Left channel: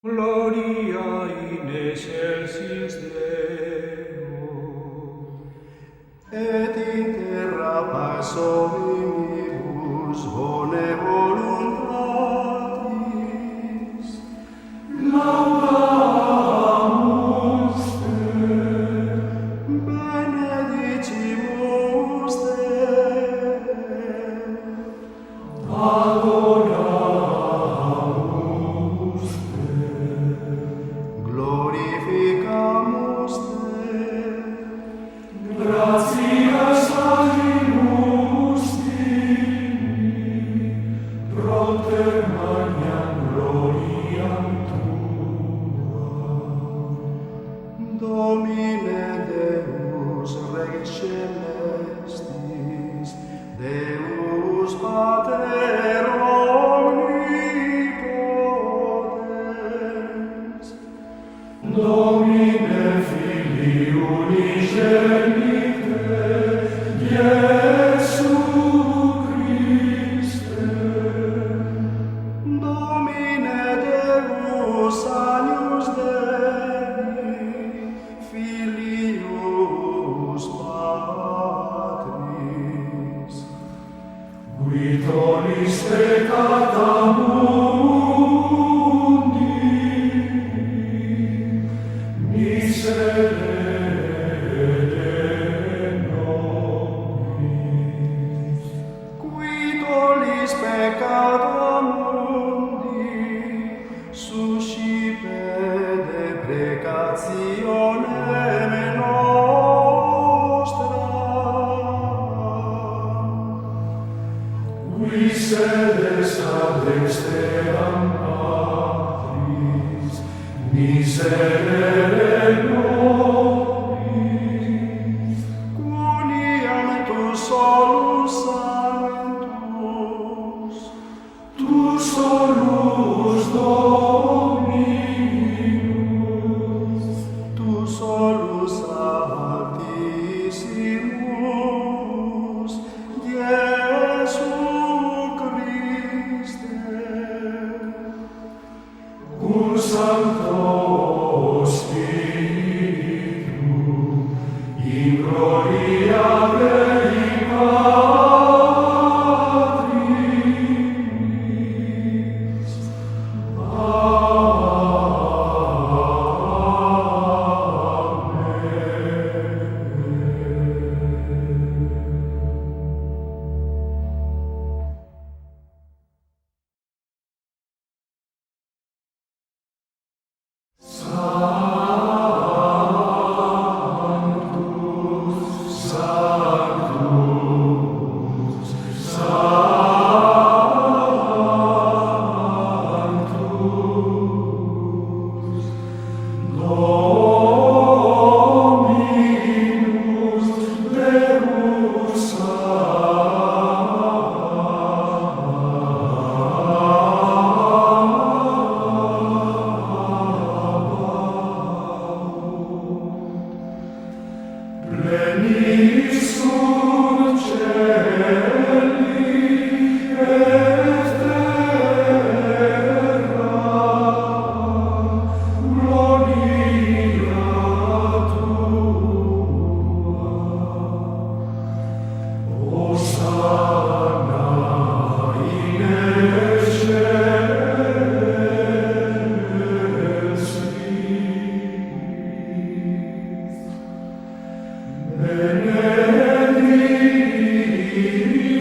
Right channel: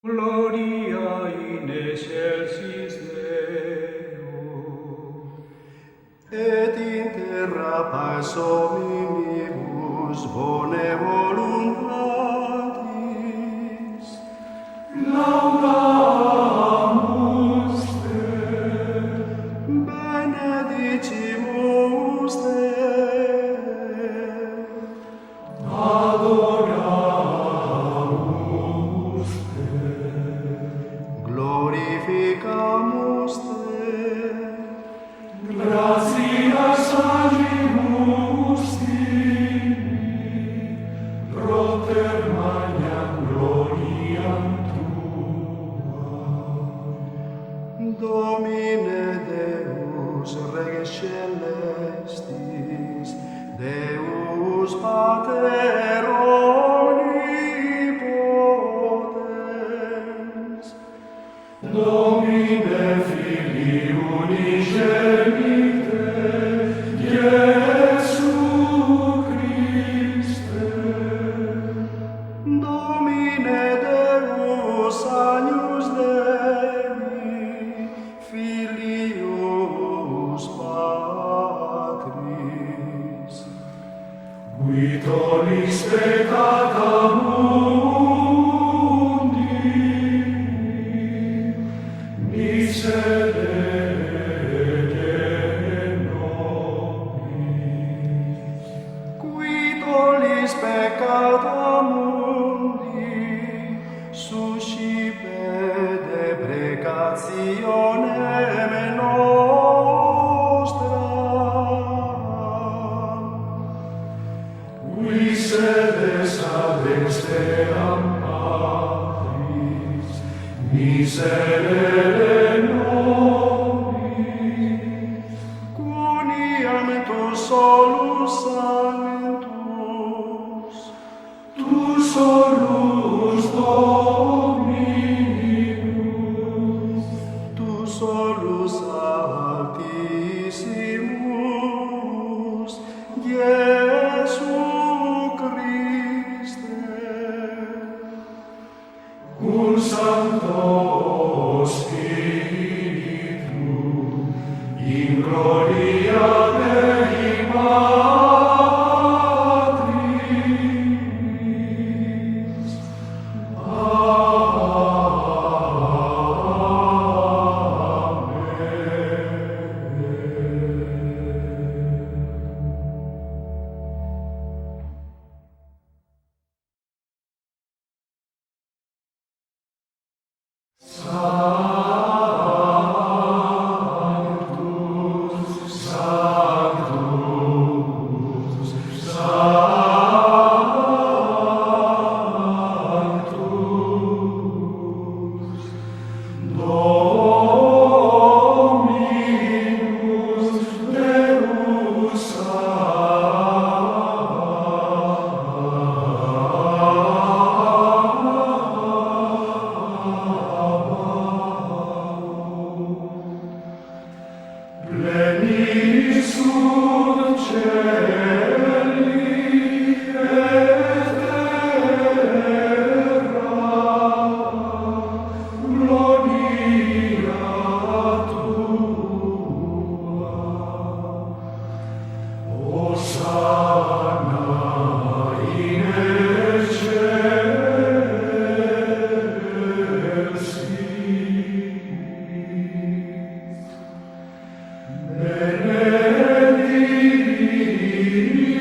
Gloria in excelsis Deo, et in terra pars omnibus bone voluntatis. laudamus Te, Benedicimus Te, adoramus Te, glorificamus Te, gratias agimus Tibi, proter magnam gloriam Domine Deus Rex Celestis, Deus Pater omnipotens, Domine Filii unigenite, Iesu Christe, Domine Deus Agnus Dei, Filius Patris, creator mundi, suscipe deprecationem nostra. Qui sedes ad exteram Patris, miserere nobis. Cuniam tu solus sanctus, Tu solus Dominus, tu solus altissimus, Iesu Christe. cum Sancto Spiritu, in gloria Dei Patris. Plenis sunt celi et terra, gloria Tua. Hosanna in excelsis.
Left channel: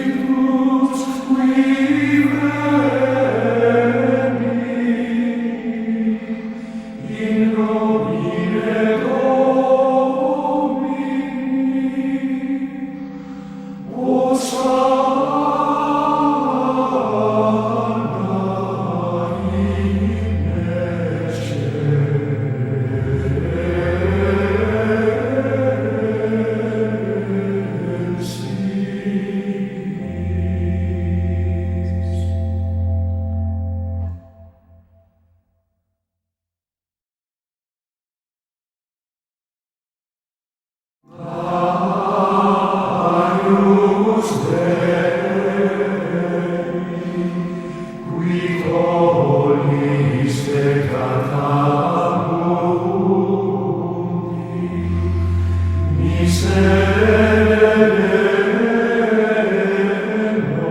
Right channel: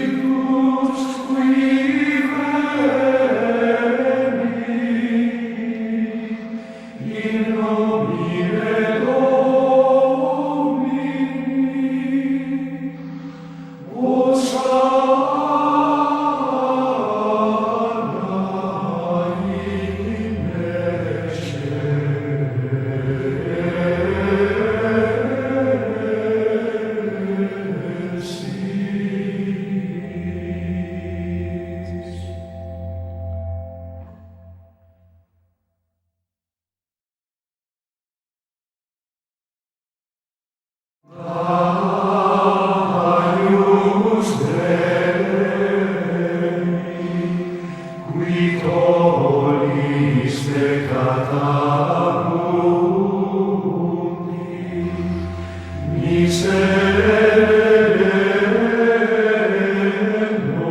Benedictus qui veni, in nomine Domini. Hosanna in excelsis. Agnus Dei, qui tollis peccata mundi, miserere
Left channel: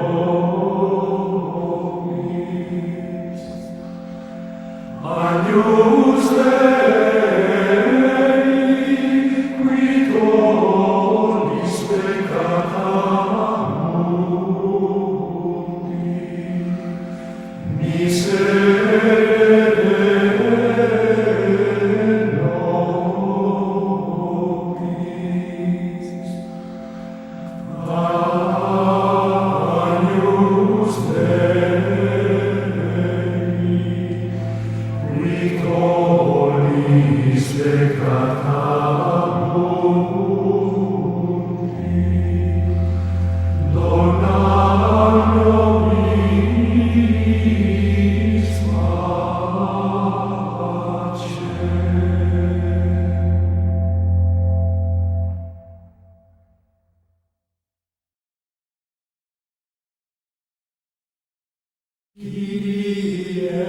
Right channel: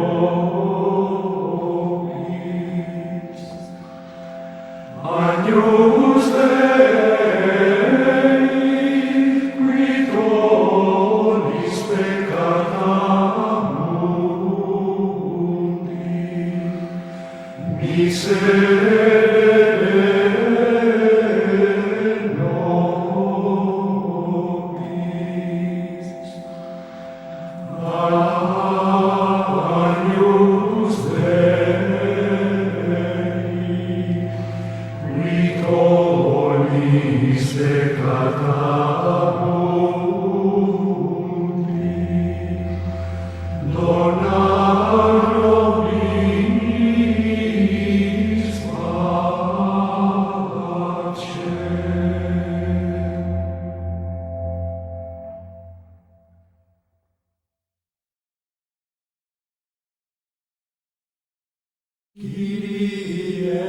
nobis. Agnus Dei, qui tollis peccata mundi, miserere nobis. Agnus Dei, qui tollis peccata mundi, dona nobis pacem. Kyrie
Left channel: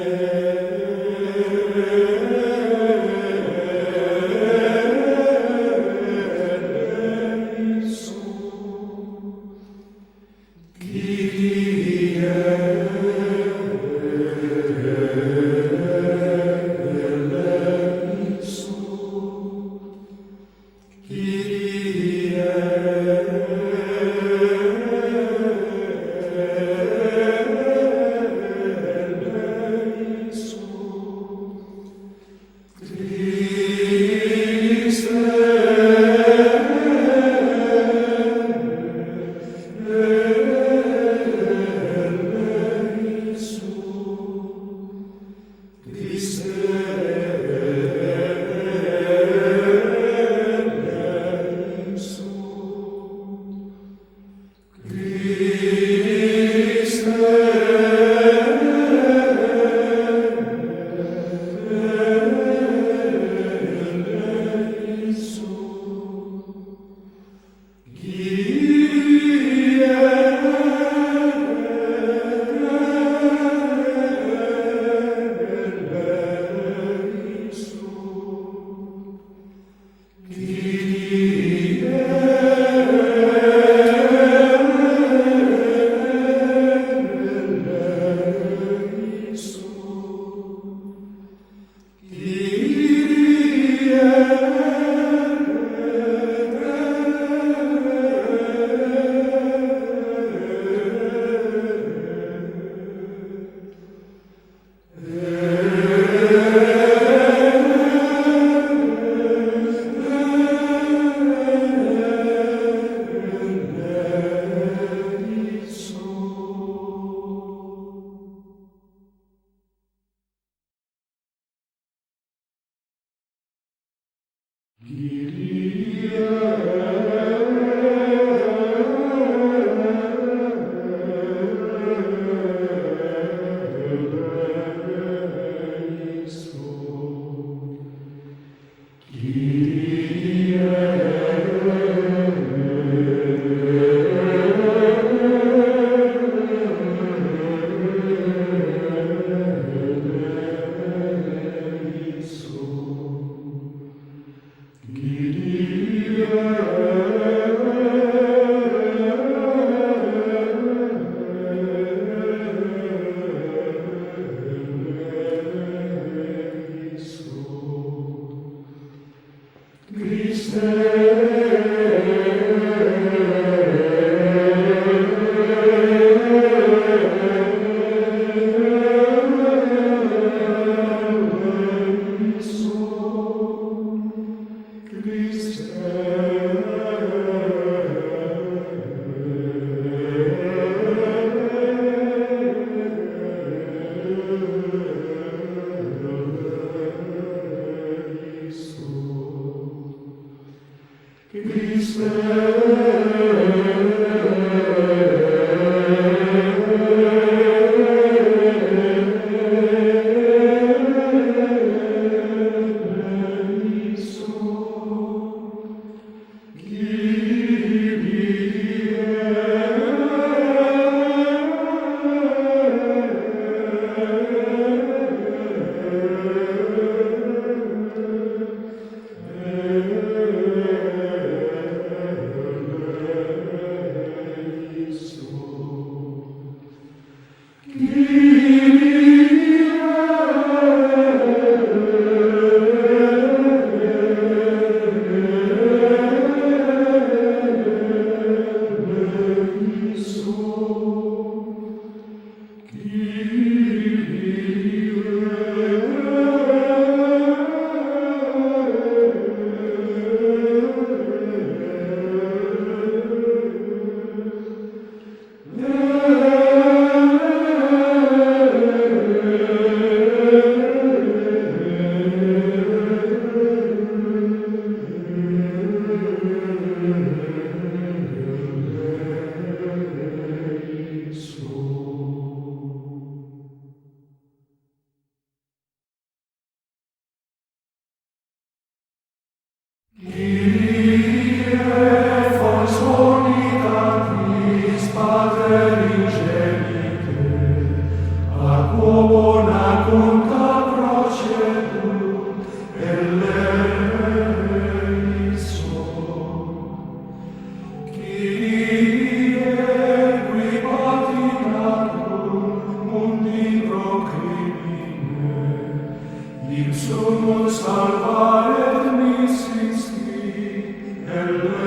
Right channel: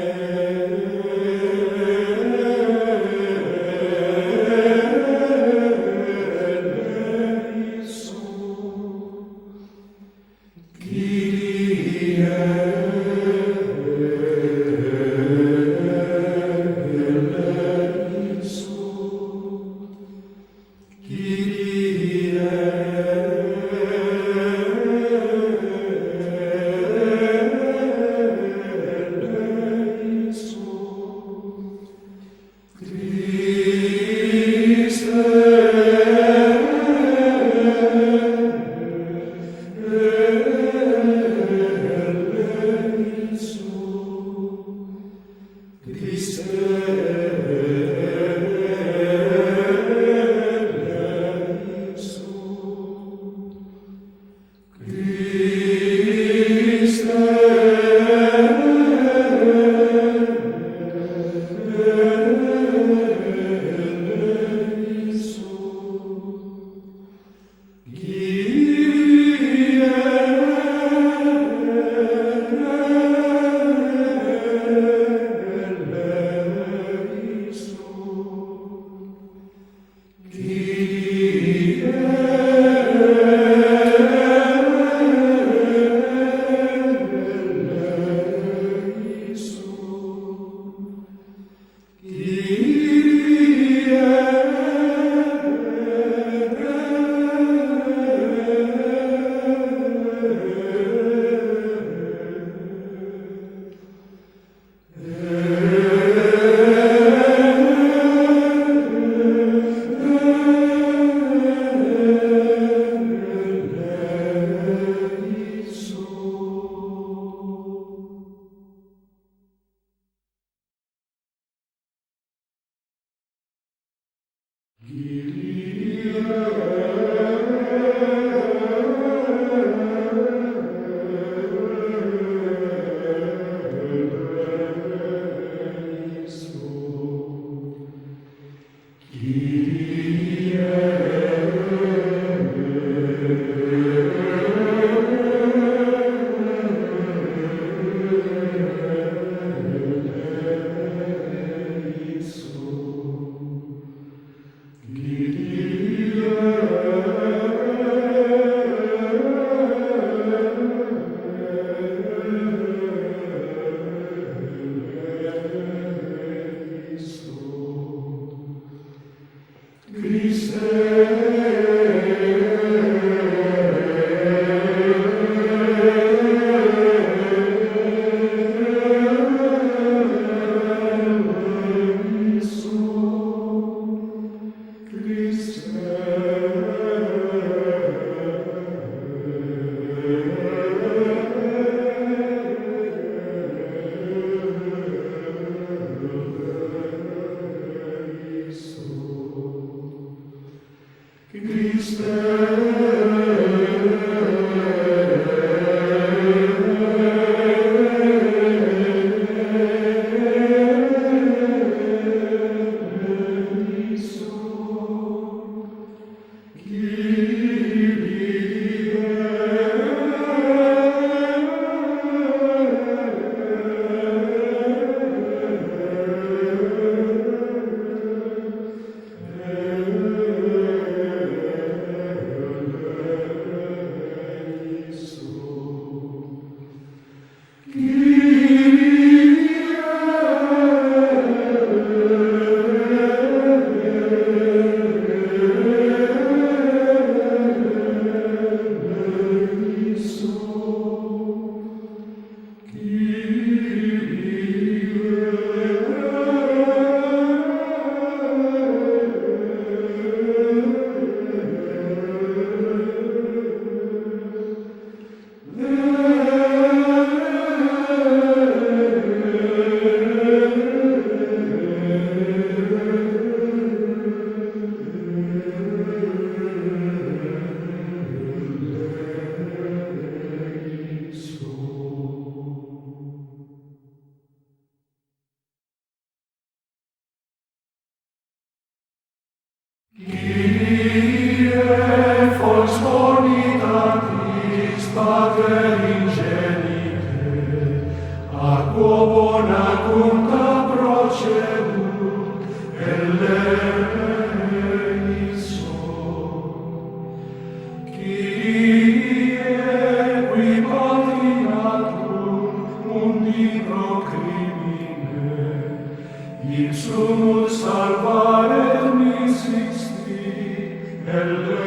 sumus salvaret misisti, eleison.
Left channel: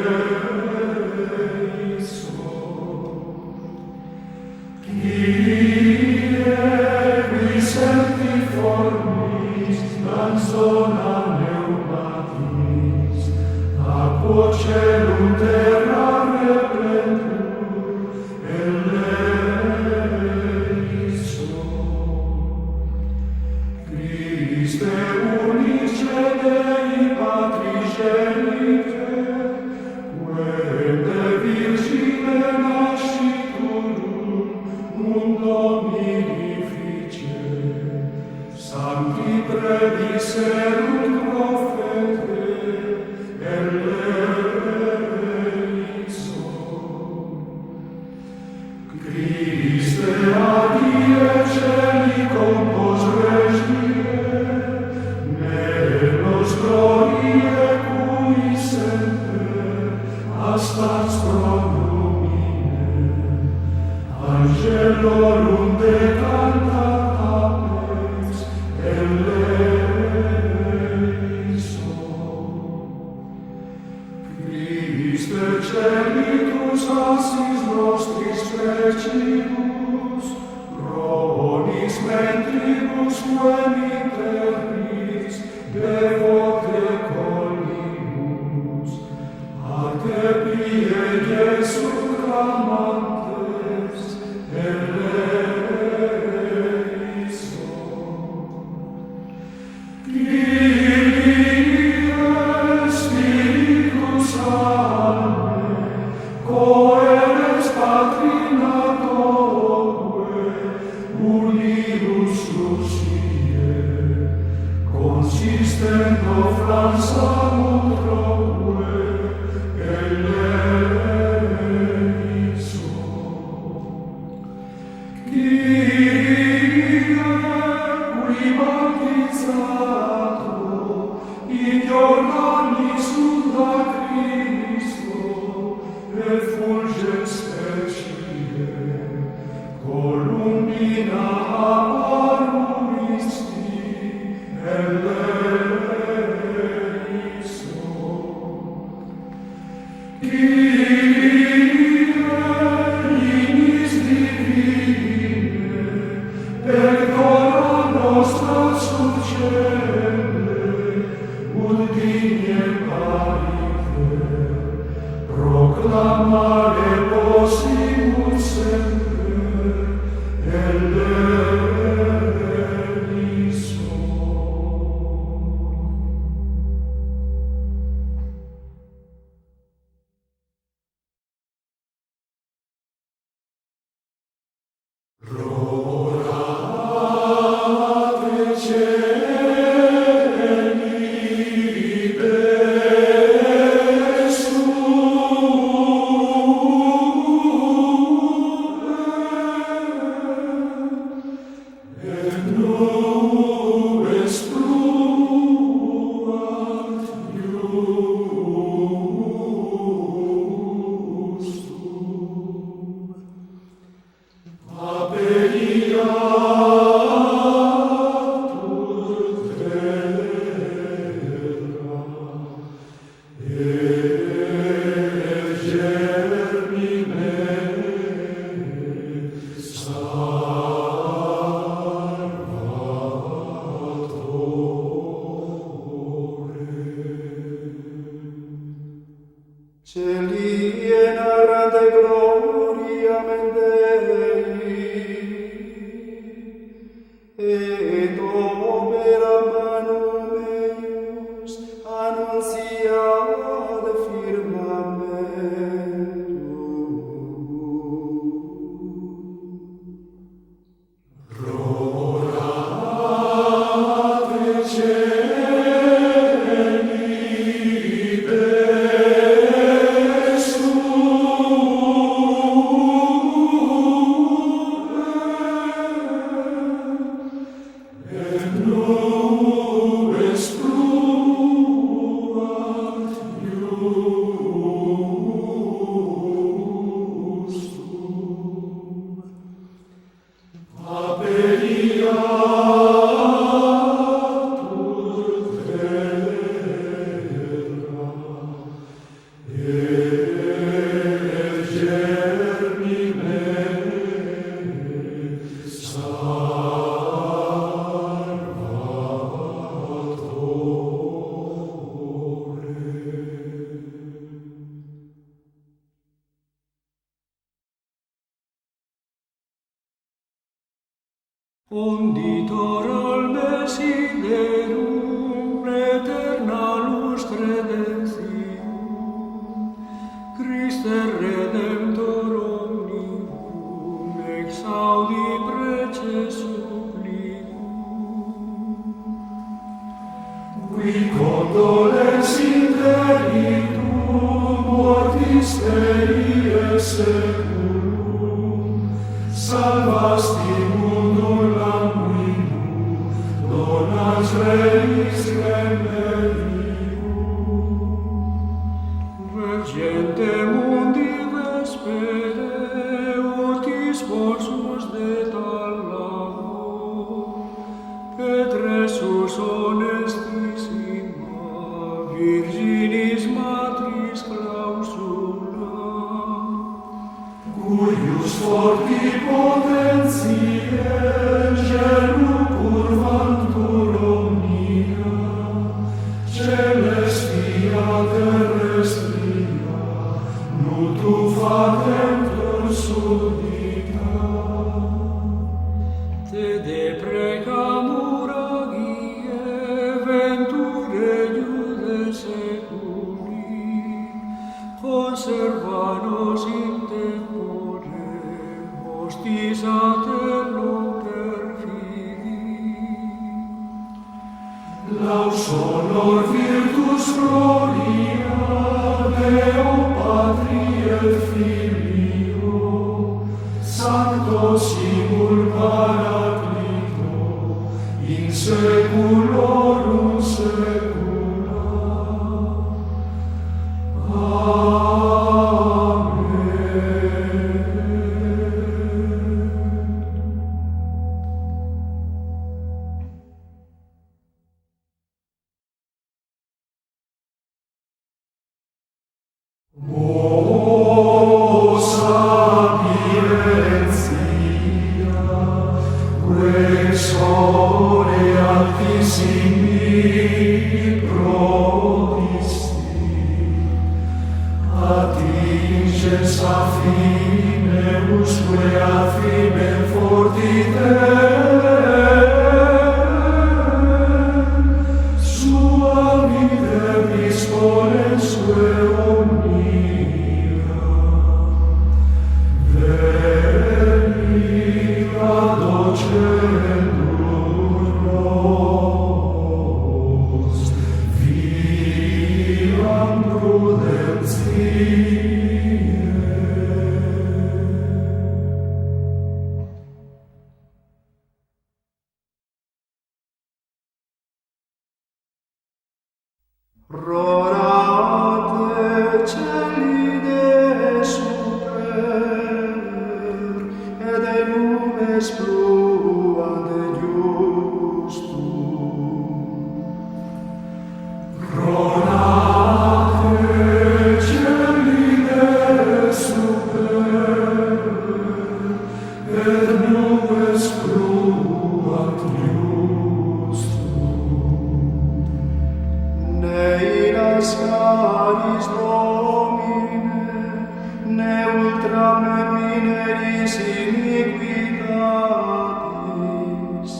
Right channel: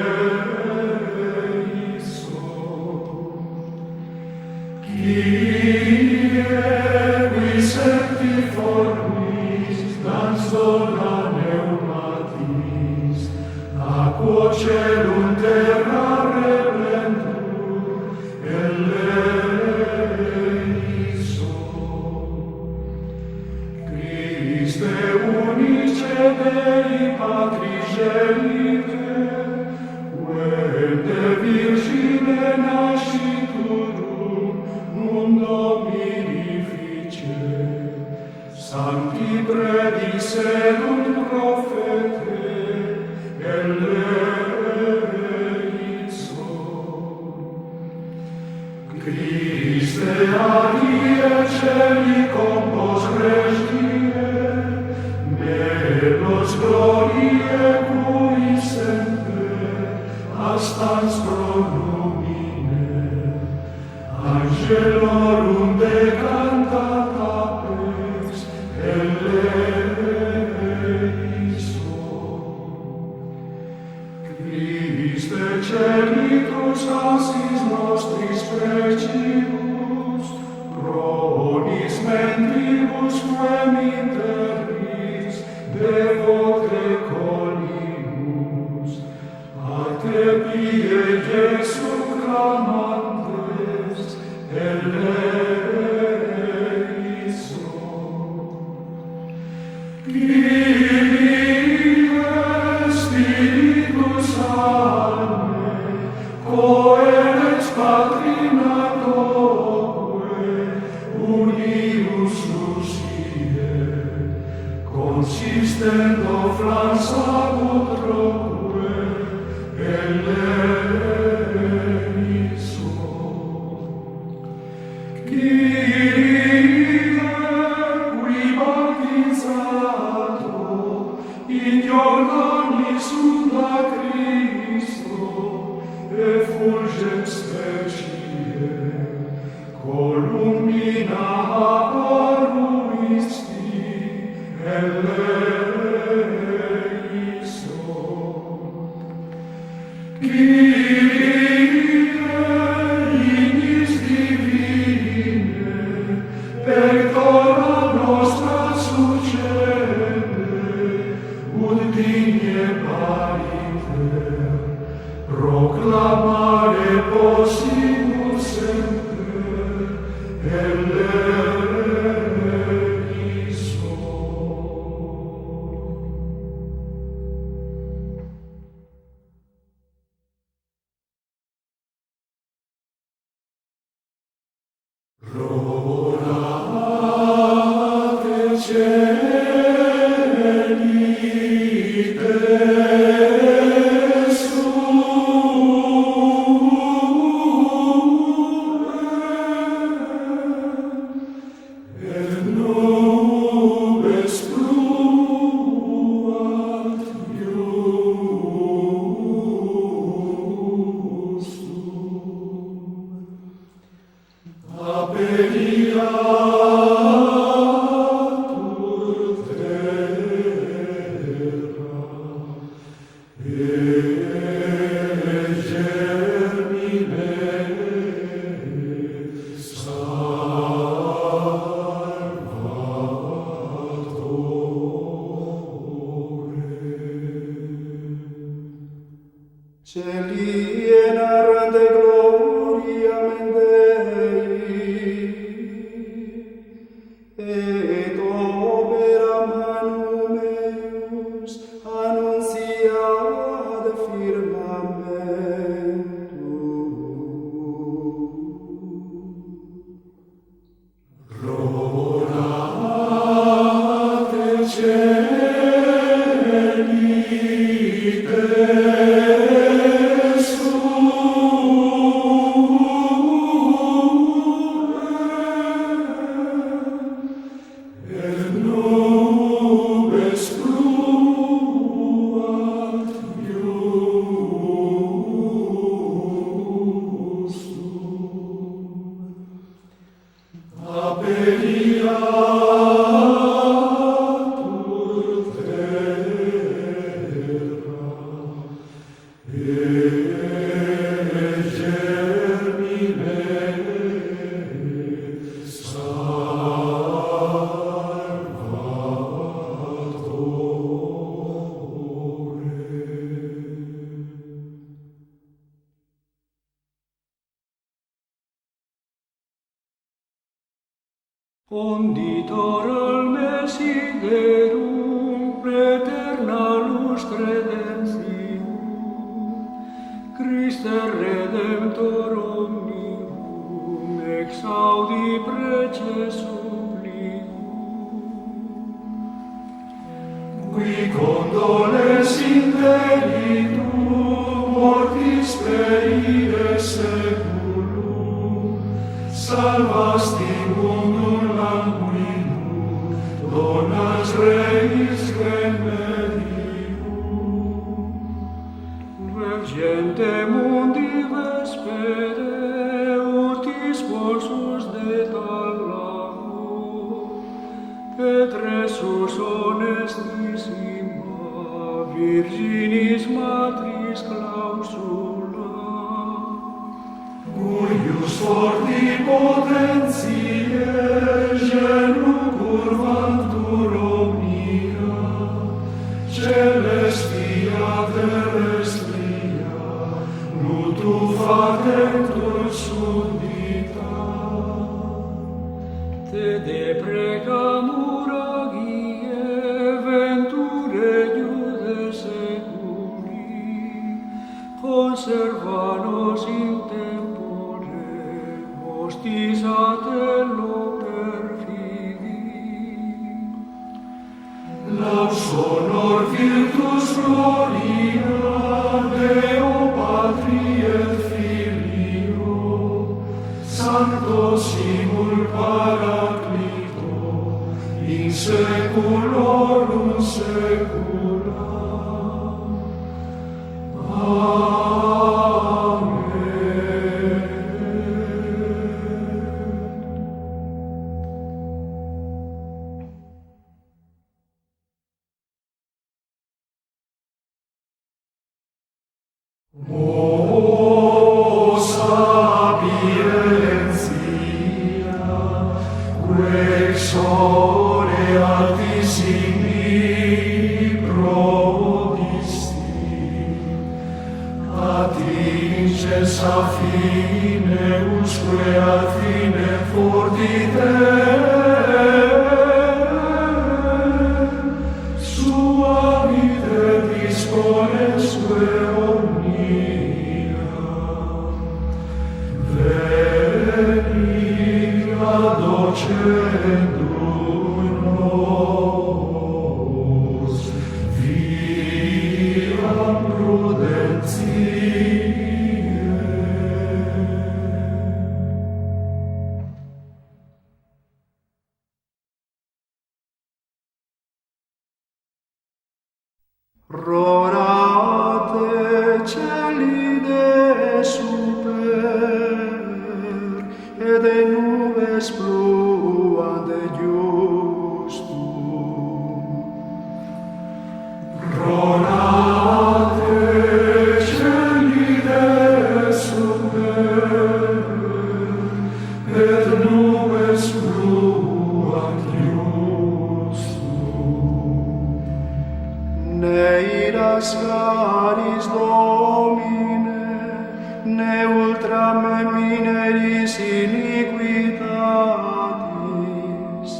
Kyrie, qui septiformis, dans dona pneumatis, aquo celum terra replentur, eleison. Christe unice Dei Patris genite, quem de Virgine nasciturum mundo mirifice, sancti prediserunt profete, eleison. Christe adie celi compos regie, melos gloriae cui semper astans pronumine, angelorum decantat apex eleison. Christe celitus assis nostris precibus, pronis mentribus quem in terris devote colibus, a te pie Iesu clamantes eleison. Kyrie Spiritus salve, coeres Patrina Doque, unius susie, consistendo flansamut troque, eleison. Kyrie, qui baptizato, in Iordani sunda Christo, effulget specie, columina apparuisti, eleison. Kyrie, ignis divine, pectora nostra succende, ut digne pariter, proclamare possimus semper, eleison. Celi enarrante gloria Dei, et opera manum eius annunciat firmamentum. Rolate celi et nubes pluant iustum. Appelliatur Conditor al Mesiderum, eterna lux redemptium, Christe Redemptor omnium, exaudi prece supplicum. Qui condoles interitum, mortis perie seculum, salvasti mundum languidum, donas reis remedium. Vergente mundi vespere, utis sponsus de talamo, et resus honestissima, Virginis matris clausula, cuius forti potentiae genu curvantur omnia, celestia terrestria, nutu facentur suddita. Te deprecamur agie, venture iude seculi, conserva nos in tempore, hostis a tello perfidi. Laus honor virtus gloria, Deo Patri et Filio, Sancto simul Paraclito, in seculorum secula. O sapientia, quexore altissimi prodisti, attingens a fine usque ad fine fortite, sua vita disponensque omnia. Veni adocendum nos, viam prudentiae. Rorate celi de super, et de nubes pluant de justum. Rorate celi de super, et nubes pluant justum. Ne iras caris Domine, ne ultra me mineris iniquitatis,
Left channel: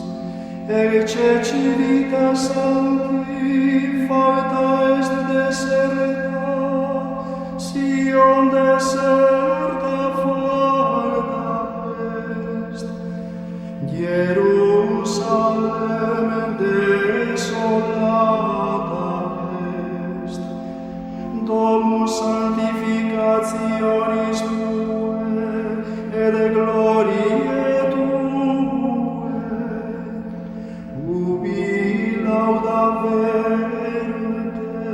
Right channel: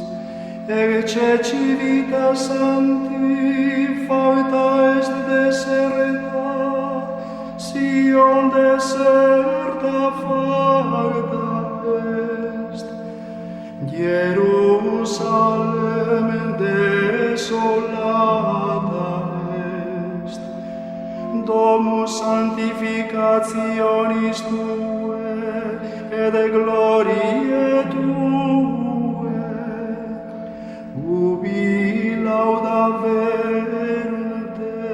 ecce civitas sancti facta est deserta, Sion deserta facta est, Jerusalem desolata est, domus sanctificationis Tue, et gloriae Tue, ubi laudaverunt Te,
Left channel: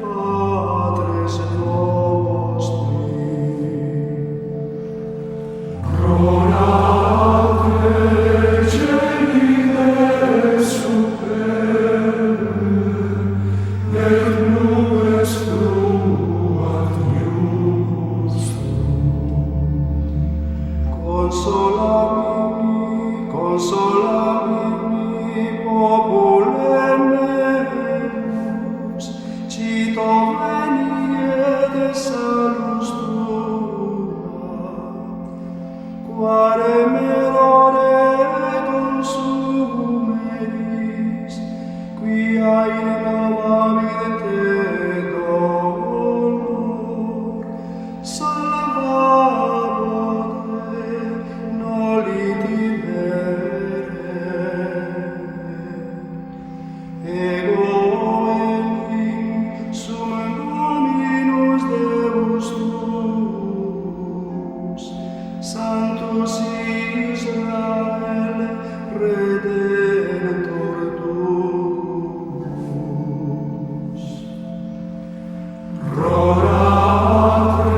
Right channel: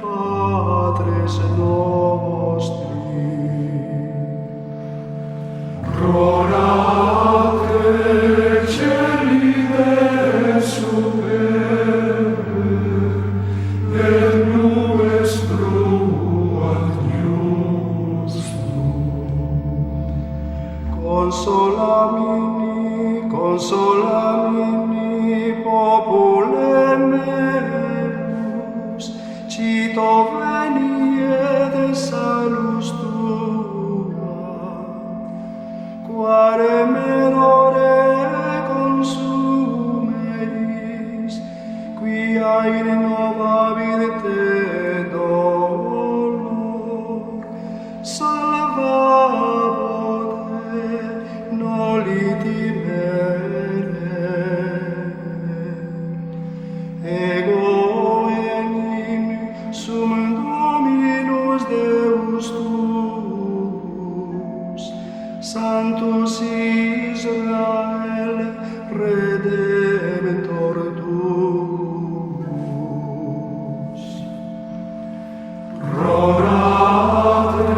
Patres nostri. Rorate celi de super, et nubes pluant justum. Consolamini, popule meus, cito venie de salus Tua, quare merore con Sanctus Israel, Redemptor tuus. Rorate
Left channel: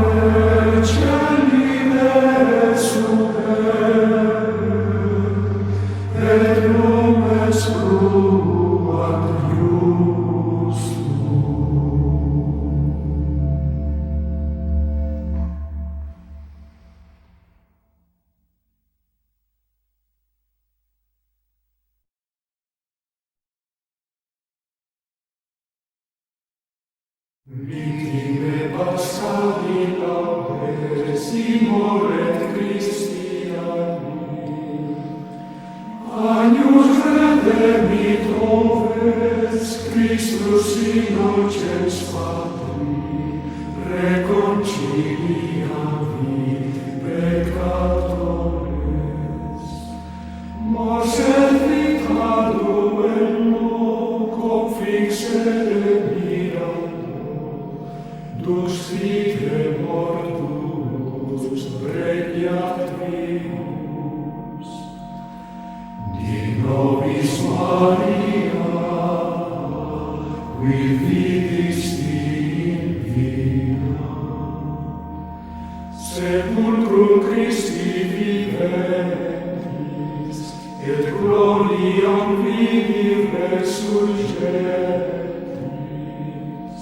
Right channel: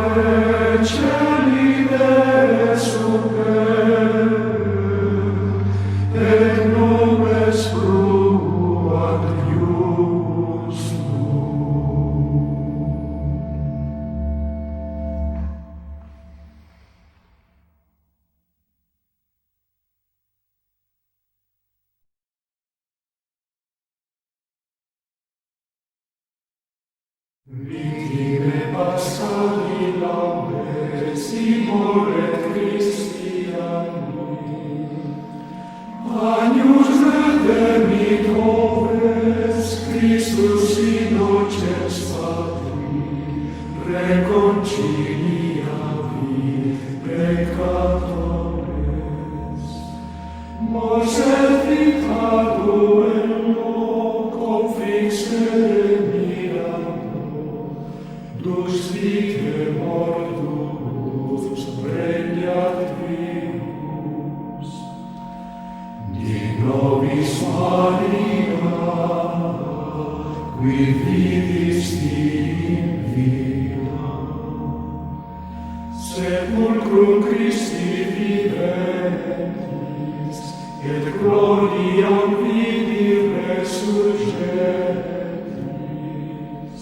celi et super, et nubes fruant iustum. Victime Paschali laudesimur et Christiani, Agnus redemptores, Christus innocens Patri, reconciliavit peccatores. Mors et vitado ello, confixere mirando, dux vitae mortuus regnat vius. Di nobis Maria, quid vidis in via, sepulcrum Christi viventis, et gloriam vidi resurgentis.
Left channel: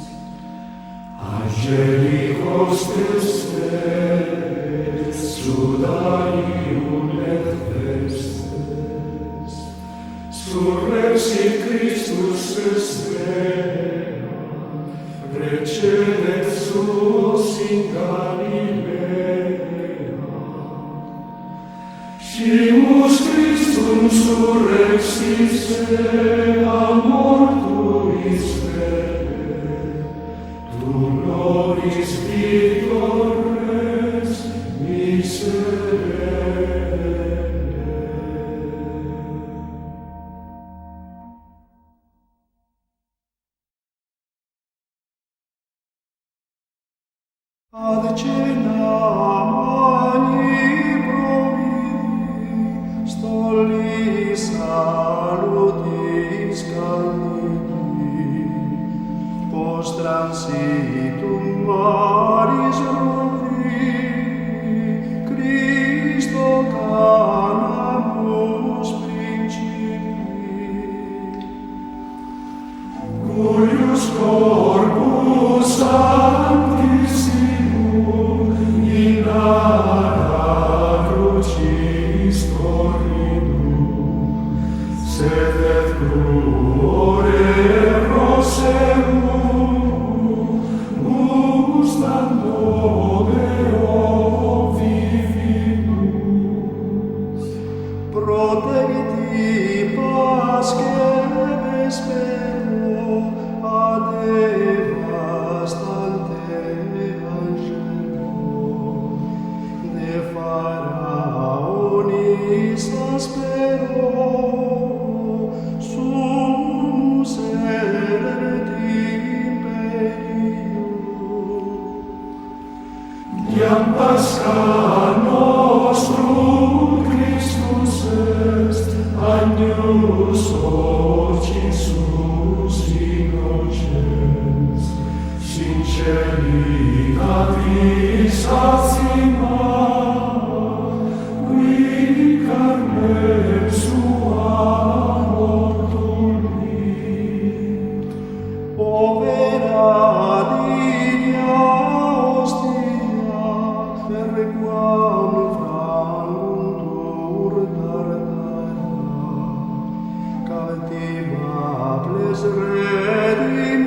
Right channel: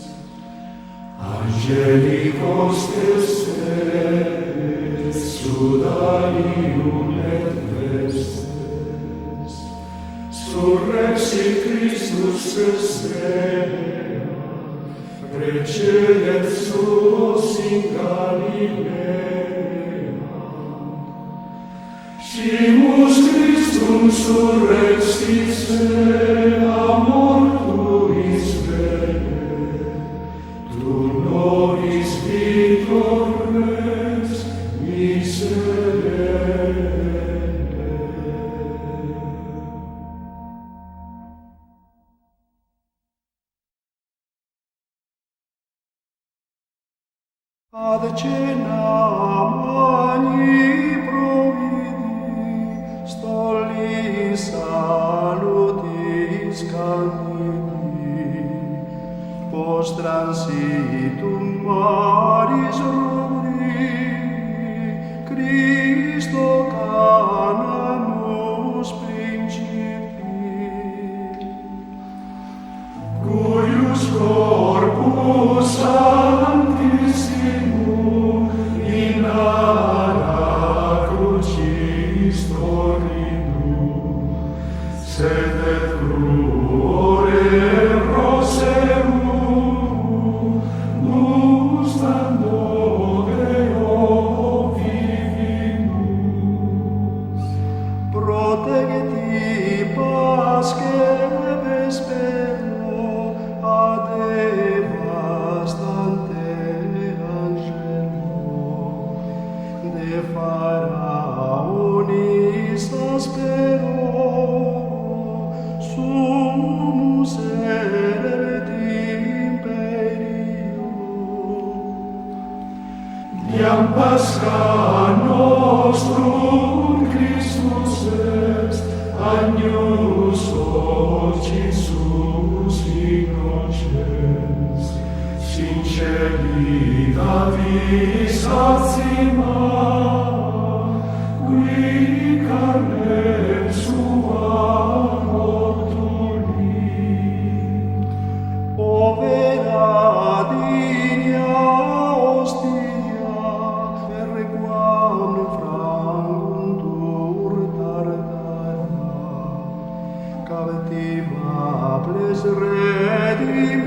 Angelicos testes, sudarium et vestes, surrexit Christus estea, precedet suos in Galilea. Scimus Christum surrexit a mortuis vere, tu nobis victor res miserere. Ad cenam magni providi, stollis salutis candidi, post transitum maris rubri, Christo canamus principi. Cuius corpus sanctissimum in ara crucis torridum, sed et cruore roseum gustando Deo vivimus. Protegiti Paschae vespero ad devastante angelo, de Pharaonis aspero, sumus erret imperio. Iam Pascha nostrum Christus est, agnus occisus innocens, sinceri catis acima, qui carnem sua mortulit. Povera digna ostia, per quam franguntur tartara, captivables redimitur,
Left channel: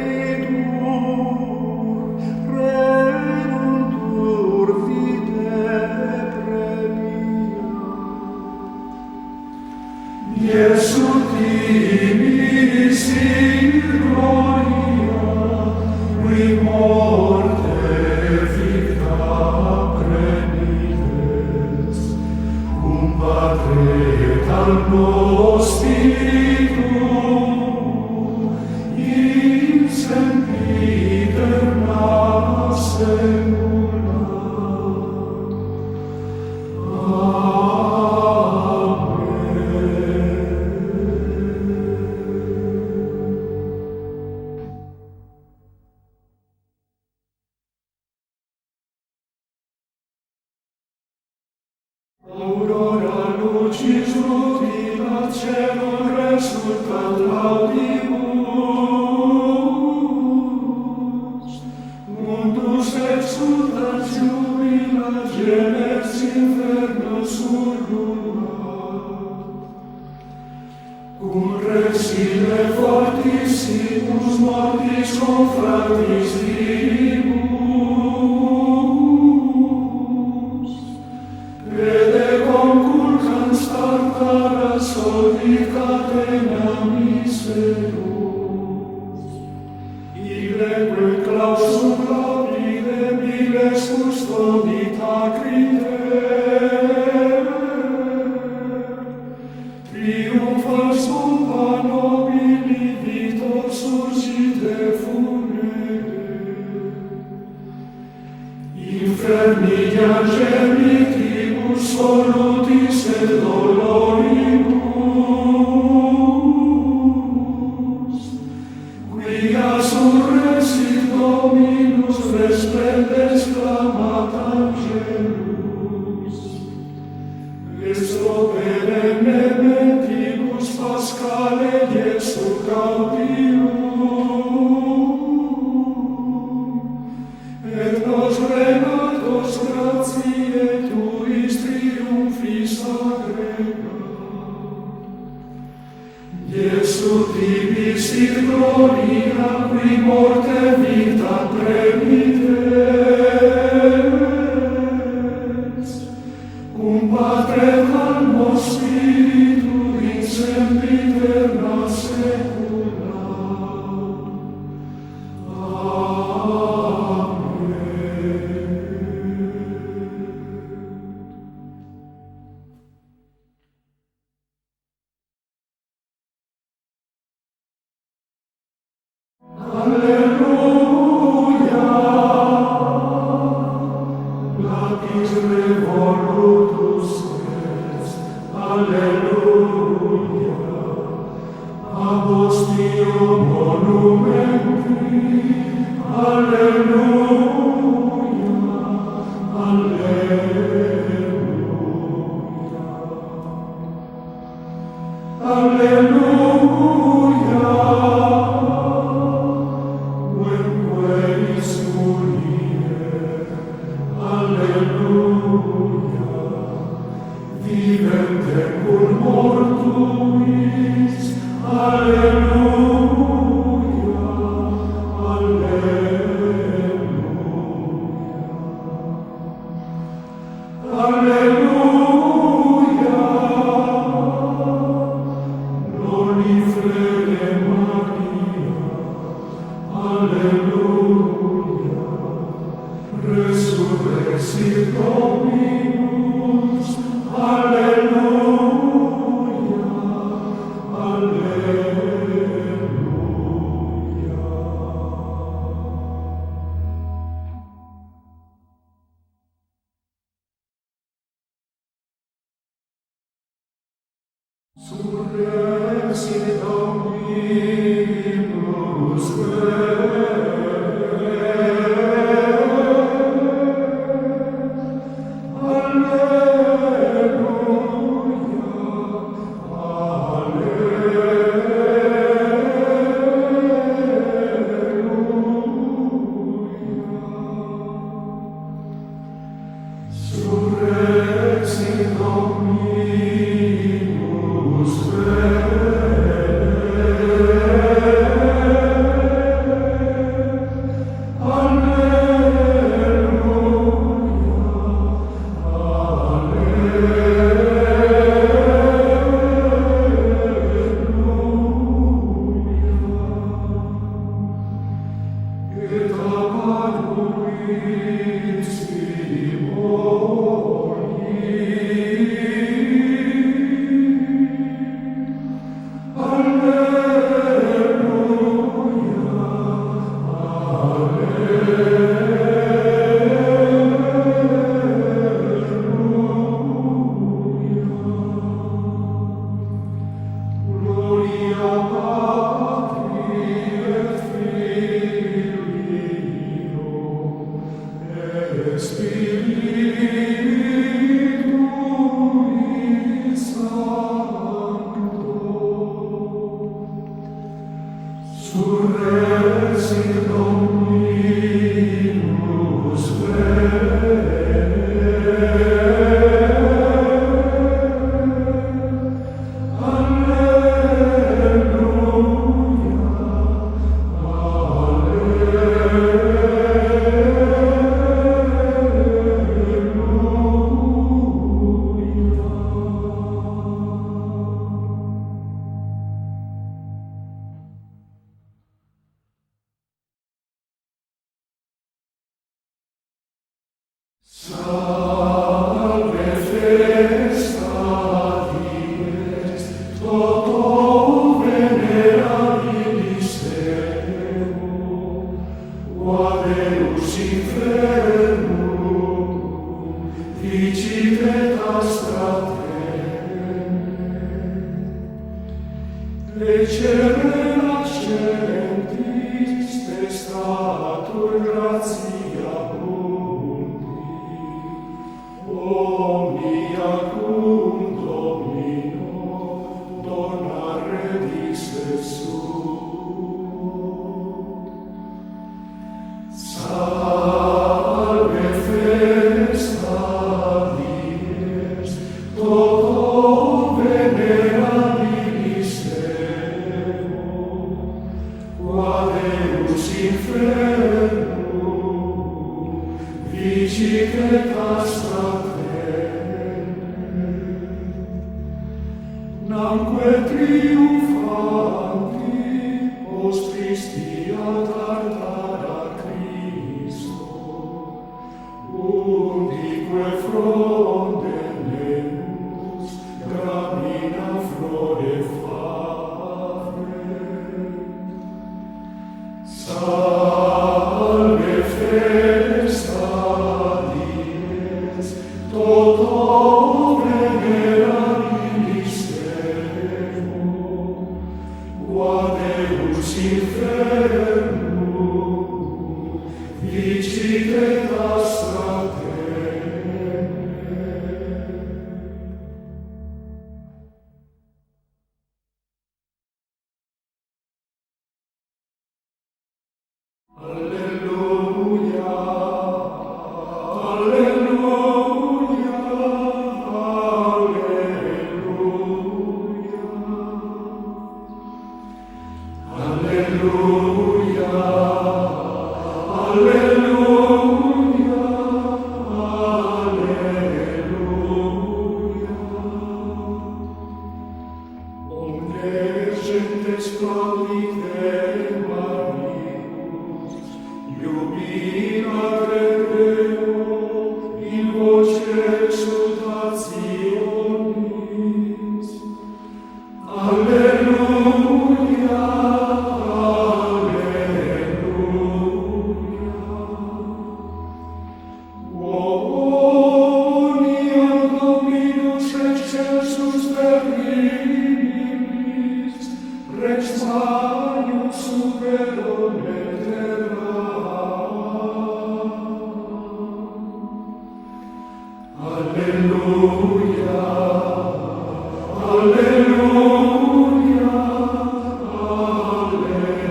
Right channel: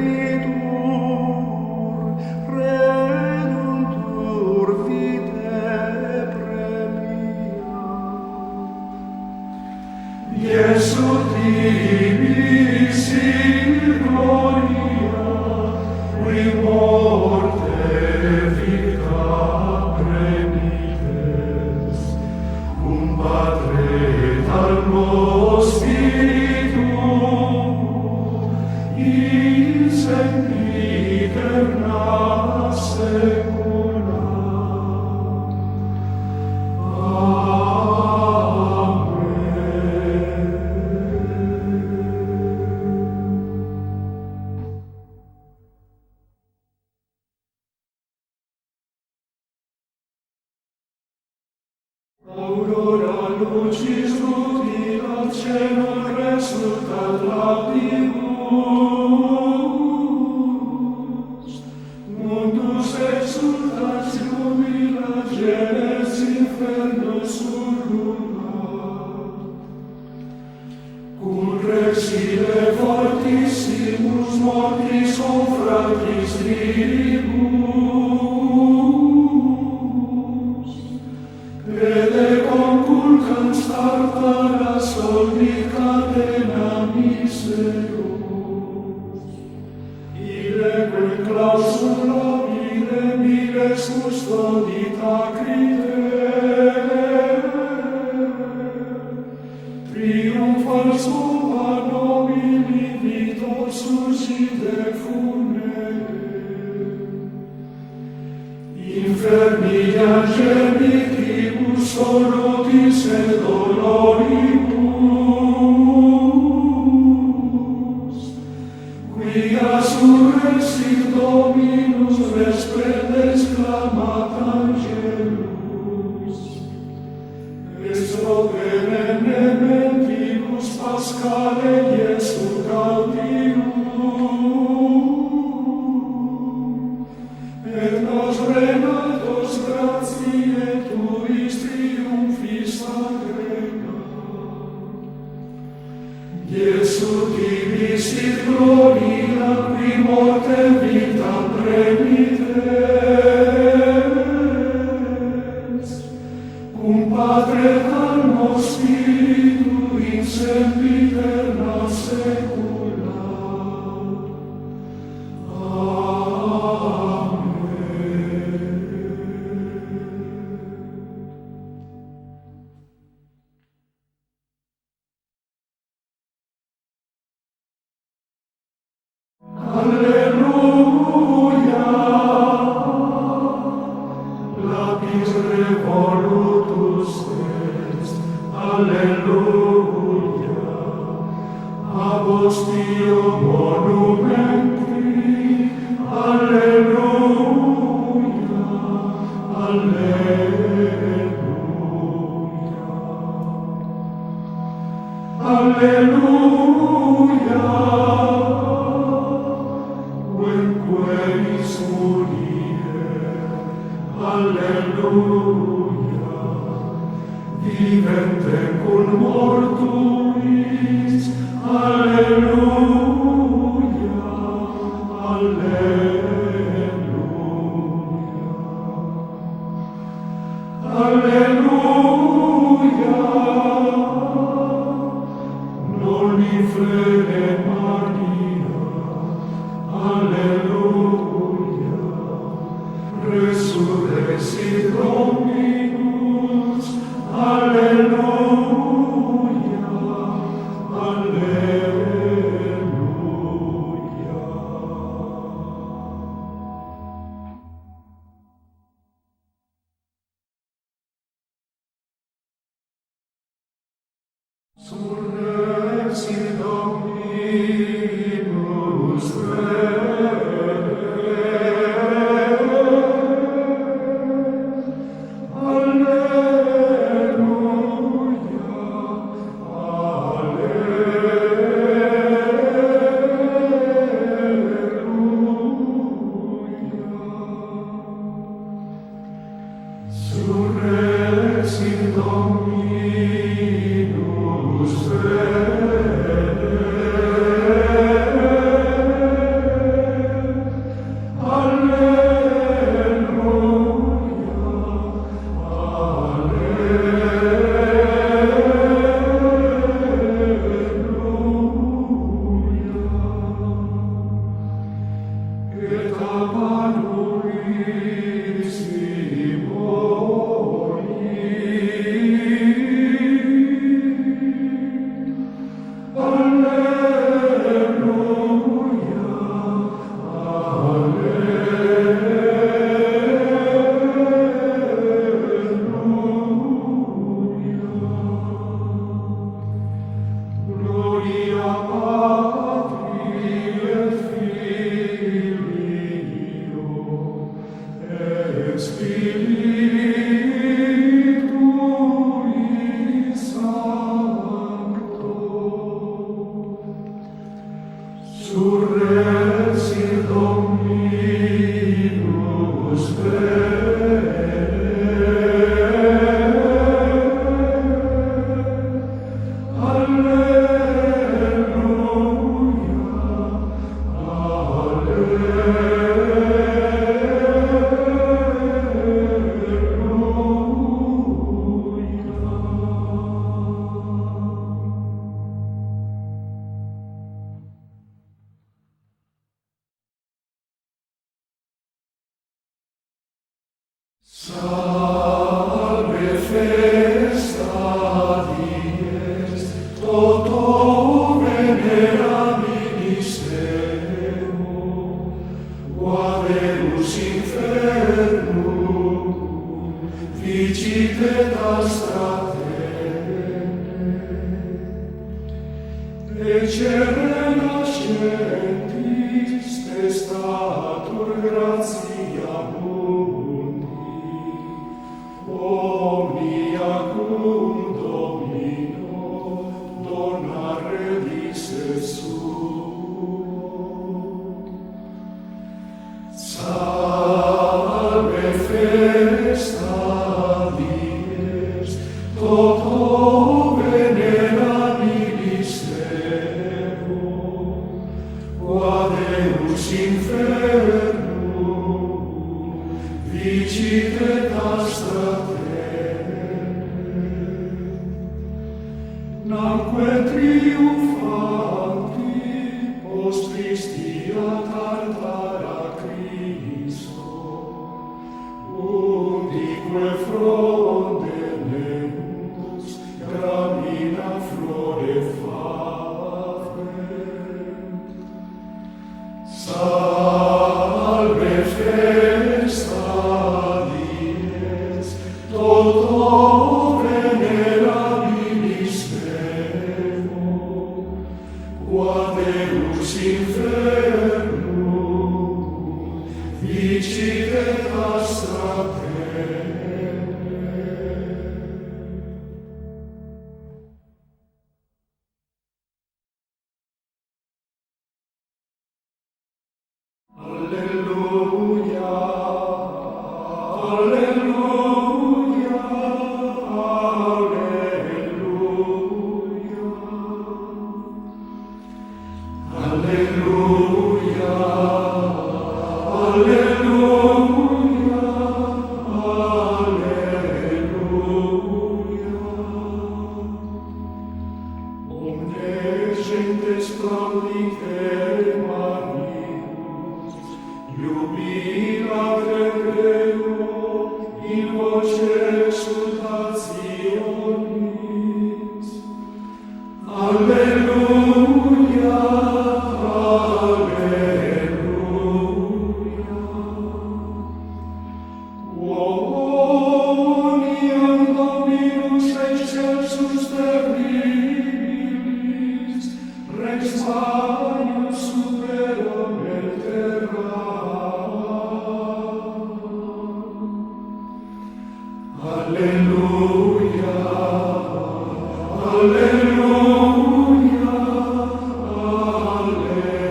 reduntur vitae premia. Iesu timis in gloria, qui morte vita prenites, cum Patre et almo Spiritu, in sempiterna saecula. Aurora lucis rutilat celum resultat laudibus, mundus exultat jubilat, gemens infernus urrulat. Cum resile fortissimus mortis confratis vivibus, pede conculcans tartara soldi catena miserus. Ileque clausum lapide miles custodita criter, triumphals summa nobili vitor suscite funere. Inferni angelitribus solutis et doloribus, quia surrexit Dominus resplendens clamat angelus. Est pro perenne mentibus Paschale Iesu Gaudium, et nos renatos gratiae tuis triumphis agregat. Iesu divis in gloria qui morte vita premites, cum Patre calmo Spiritu in sempiterna saecula. Alleluia, lapis revolutus est, alleluia, apostio monumenti, alleluia, alleluia, alleluia. Alleluia, vivente cum mortuis, alleluia, alleluia, alleluia, noli frere Maria, alleluia, resurrexit Dominus, alleluia, alleluia. Surrexit Dominus Surrexit Dominus et apparuit vicitetas fraterne, ecere nascentis testatur gratia mundi, omnia cum Domino dona redisse suo. Salve festa dies, toto venerabilis Evo, qua Deus infernum vicitetas fraterne, namque triumphanti post Christia tartara Christo, undique fronde nemus gramina flore fabrent. Salve festa dies, toto venerabilis Evo, qua Deus infernum vicitetas fraterne. Alleluia, alleluia, alleluia. Alleluia, alleluia, alleluia. Omne gentes prodicere Marius, jubilare Deo in voce exultationis. Alleluia, alleluia. Quoniam Dominus excelsus terribilis, Rex Maius super omne terra. Alleluia, alleluia, alleluia.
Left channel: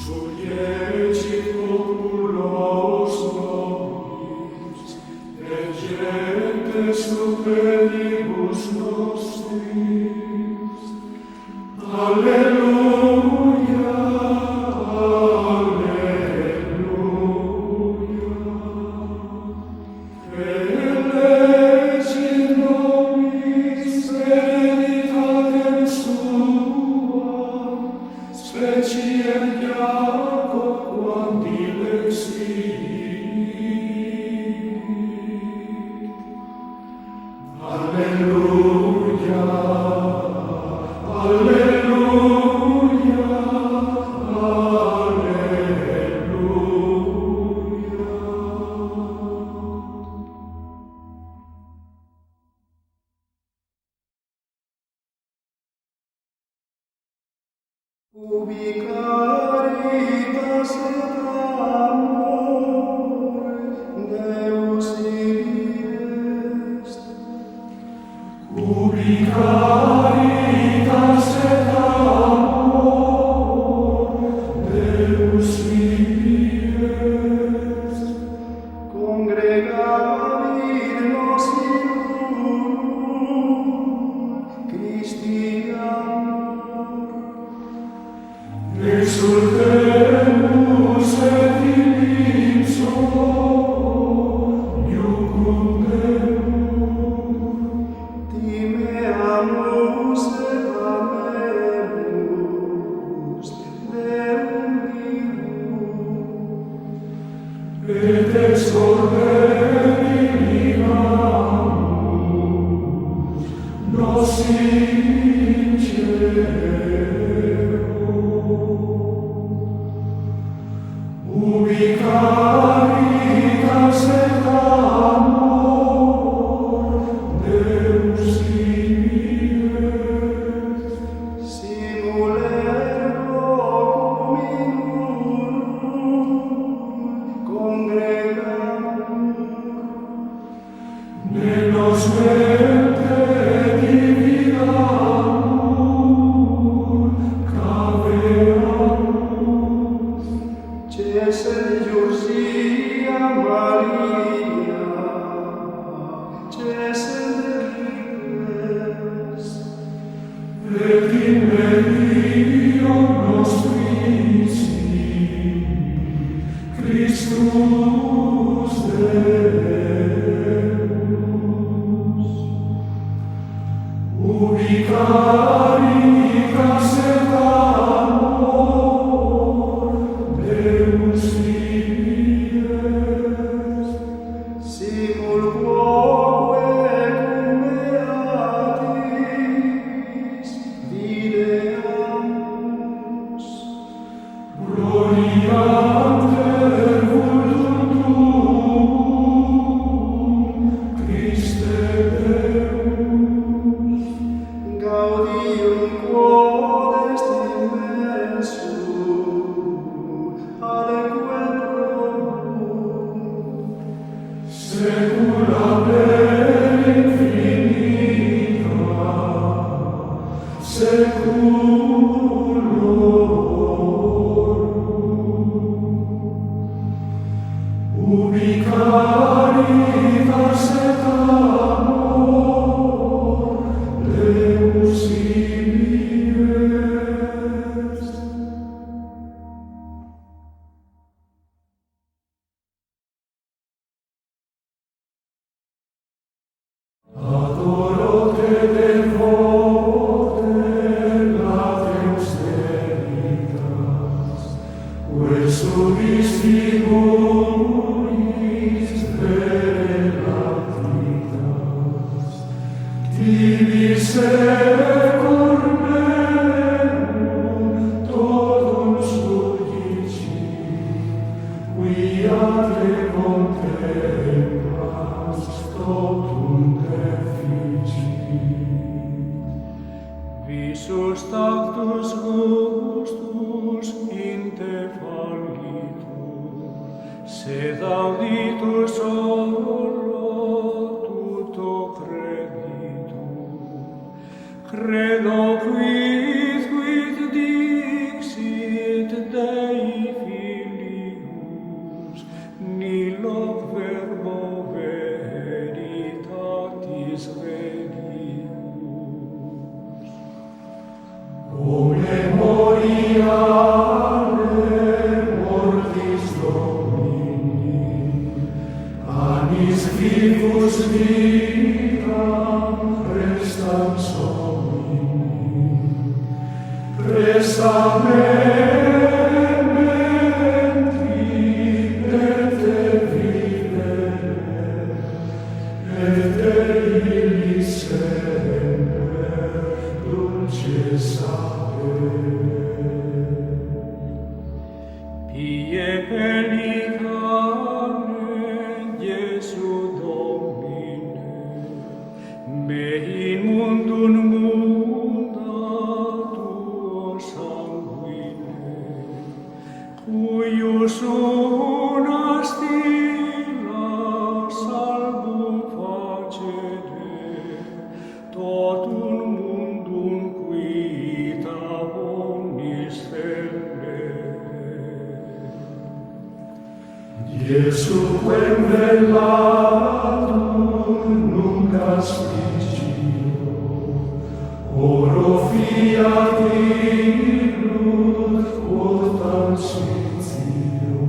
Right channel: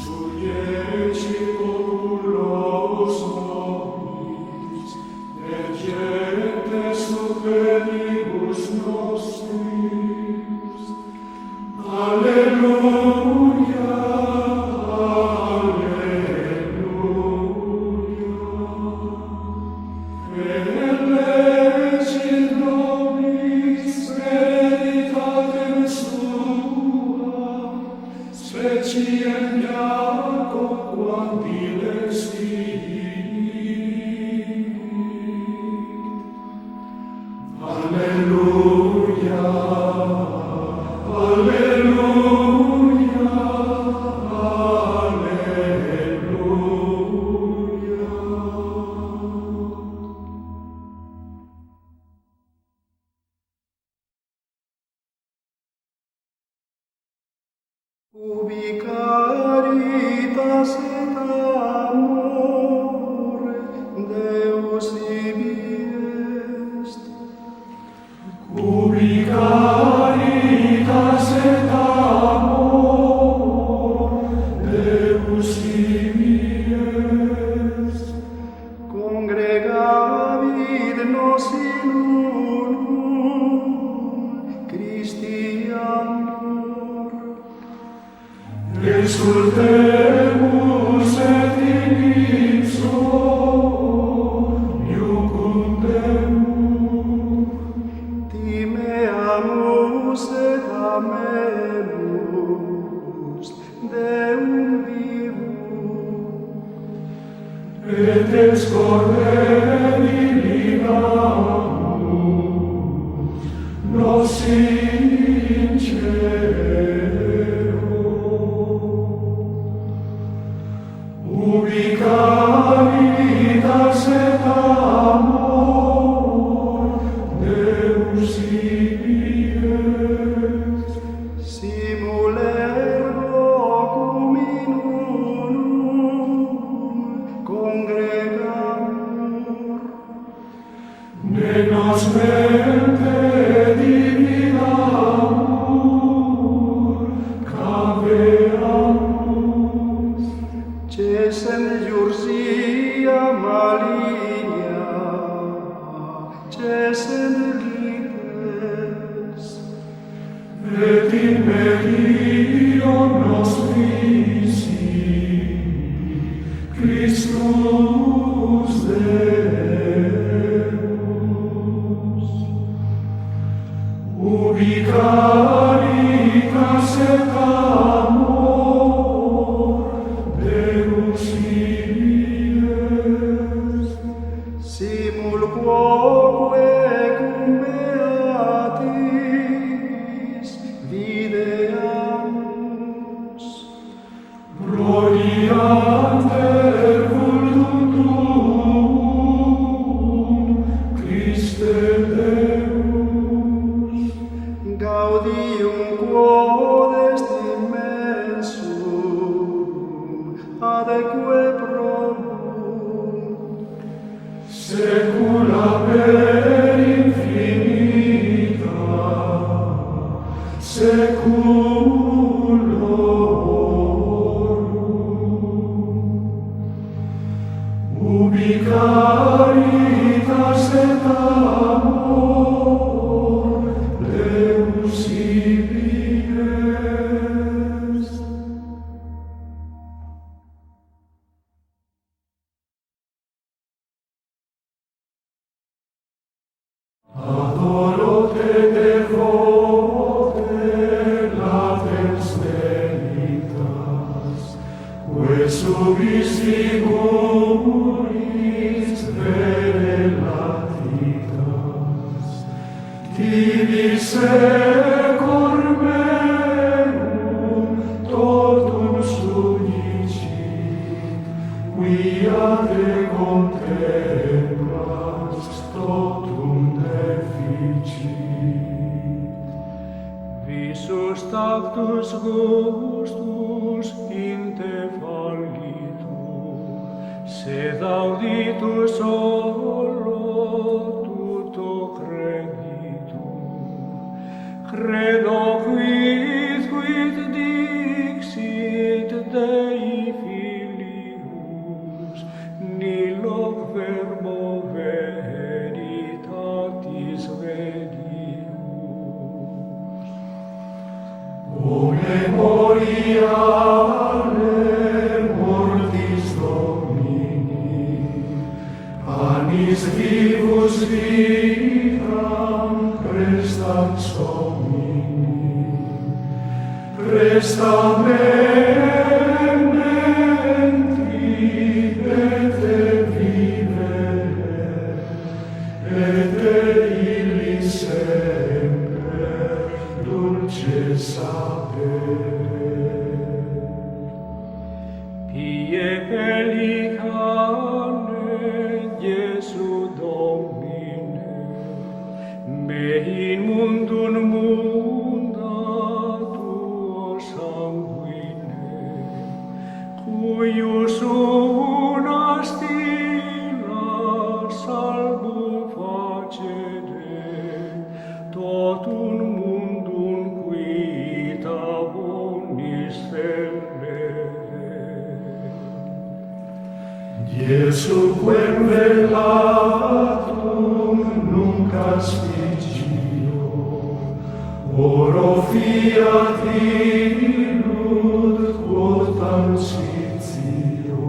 Suieci populos nobis, et gentes superibus nostris. Alleluia, alleluia. Elegit nobis hereditatem suam, speciem Jacob quam dilexit. Alleluia, alleluia, Ubi caritas et amor Deus ibi est. ubi caritas et amor Deus ibi est. Congregavit nos in unum Christi amor. Exultemus et in ipso iucum Deum. Timeamus et amemus Deum vivum. Et ex corde divinamus nos in cielo. Ubi congregamur, ne nos mente divinamur, caveamus, cessent iursia maligna, cessent rites, et in medio nostrisi, Christus Deus. Ubi caritas et amor Deus vives, simul quoque cum beatis videamus, gloriander vultum tuum, Christe Deus. gaudium quod est immensum, adeque promum, Secula per infinita, seculorum. Ubi caritas et amor Deus ibi est. Adoro te devote latrens veritas, quae subistimulis vere latitas, tibi secor meum totum sudicit, quia te contemplas totum deficit. visus tactus gustus in te fallitur, sed auditus solo tutto creditur. Credo quid dixit Dei Filius, nihil verbo veritatis vedius. O memoriale mortis Domini, annis vivus vitam prestans homini, presta me mentri et vivere, et illi semper dulce sapere. Pie pellicane Iesu Domine, me in mundum munda tuo sanguine, cuius una stilla salvum facere, totum mundum quita bonis stelle. Iesu quem velatum nunc aspiccio, oro fiat illud quotam sitio,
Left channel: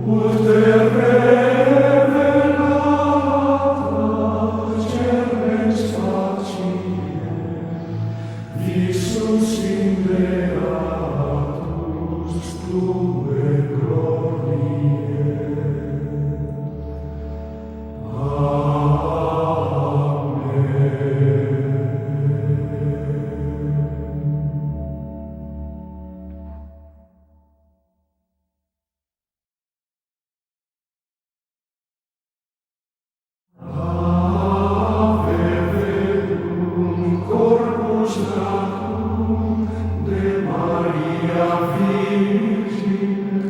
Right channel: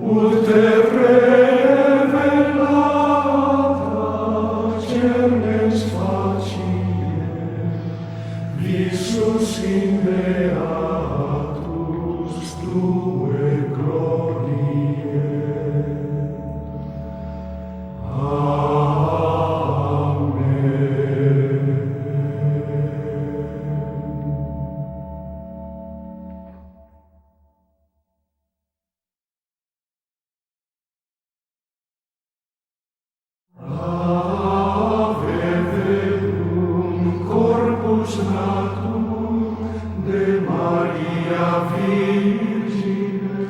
ut revelata cernes facie, visus in beatus tue gloriae. De Maria Virgine,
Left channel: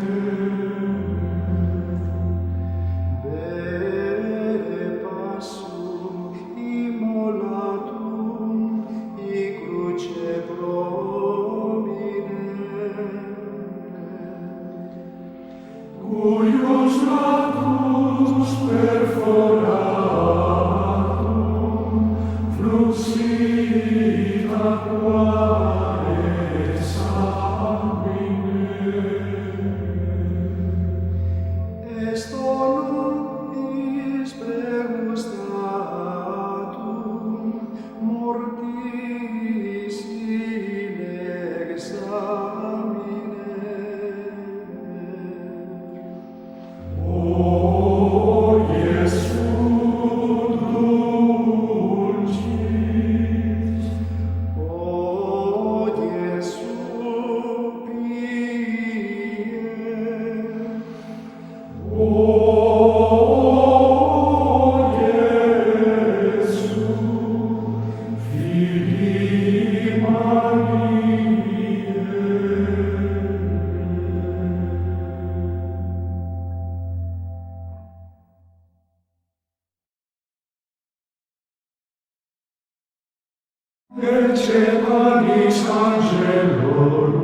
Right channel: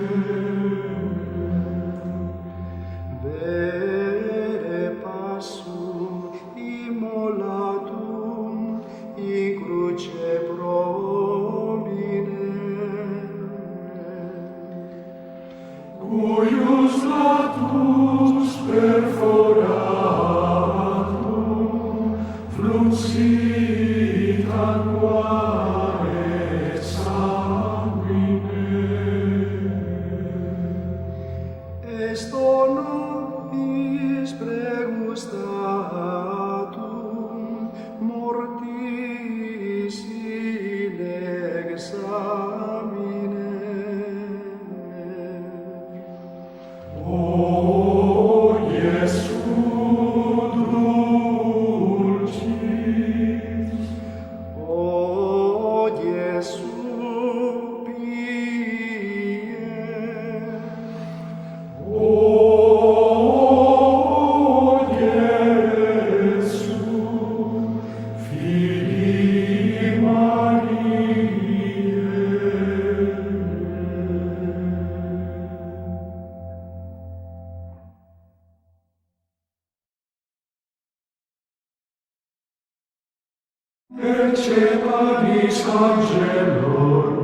Ecce panis angelorum,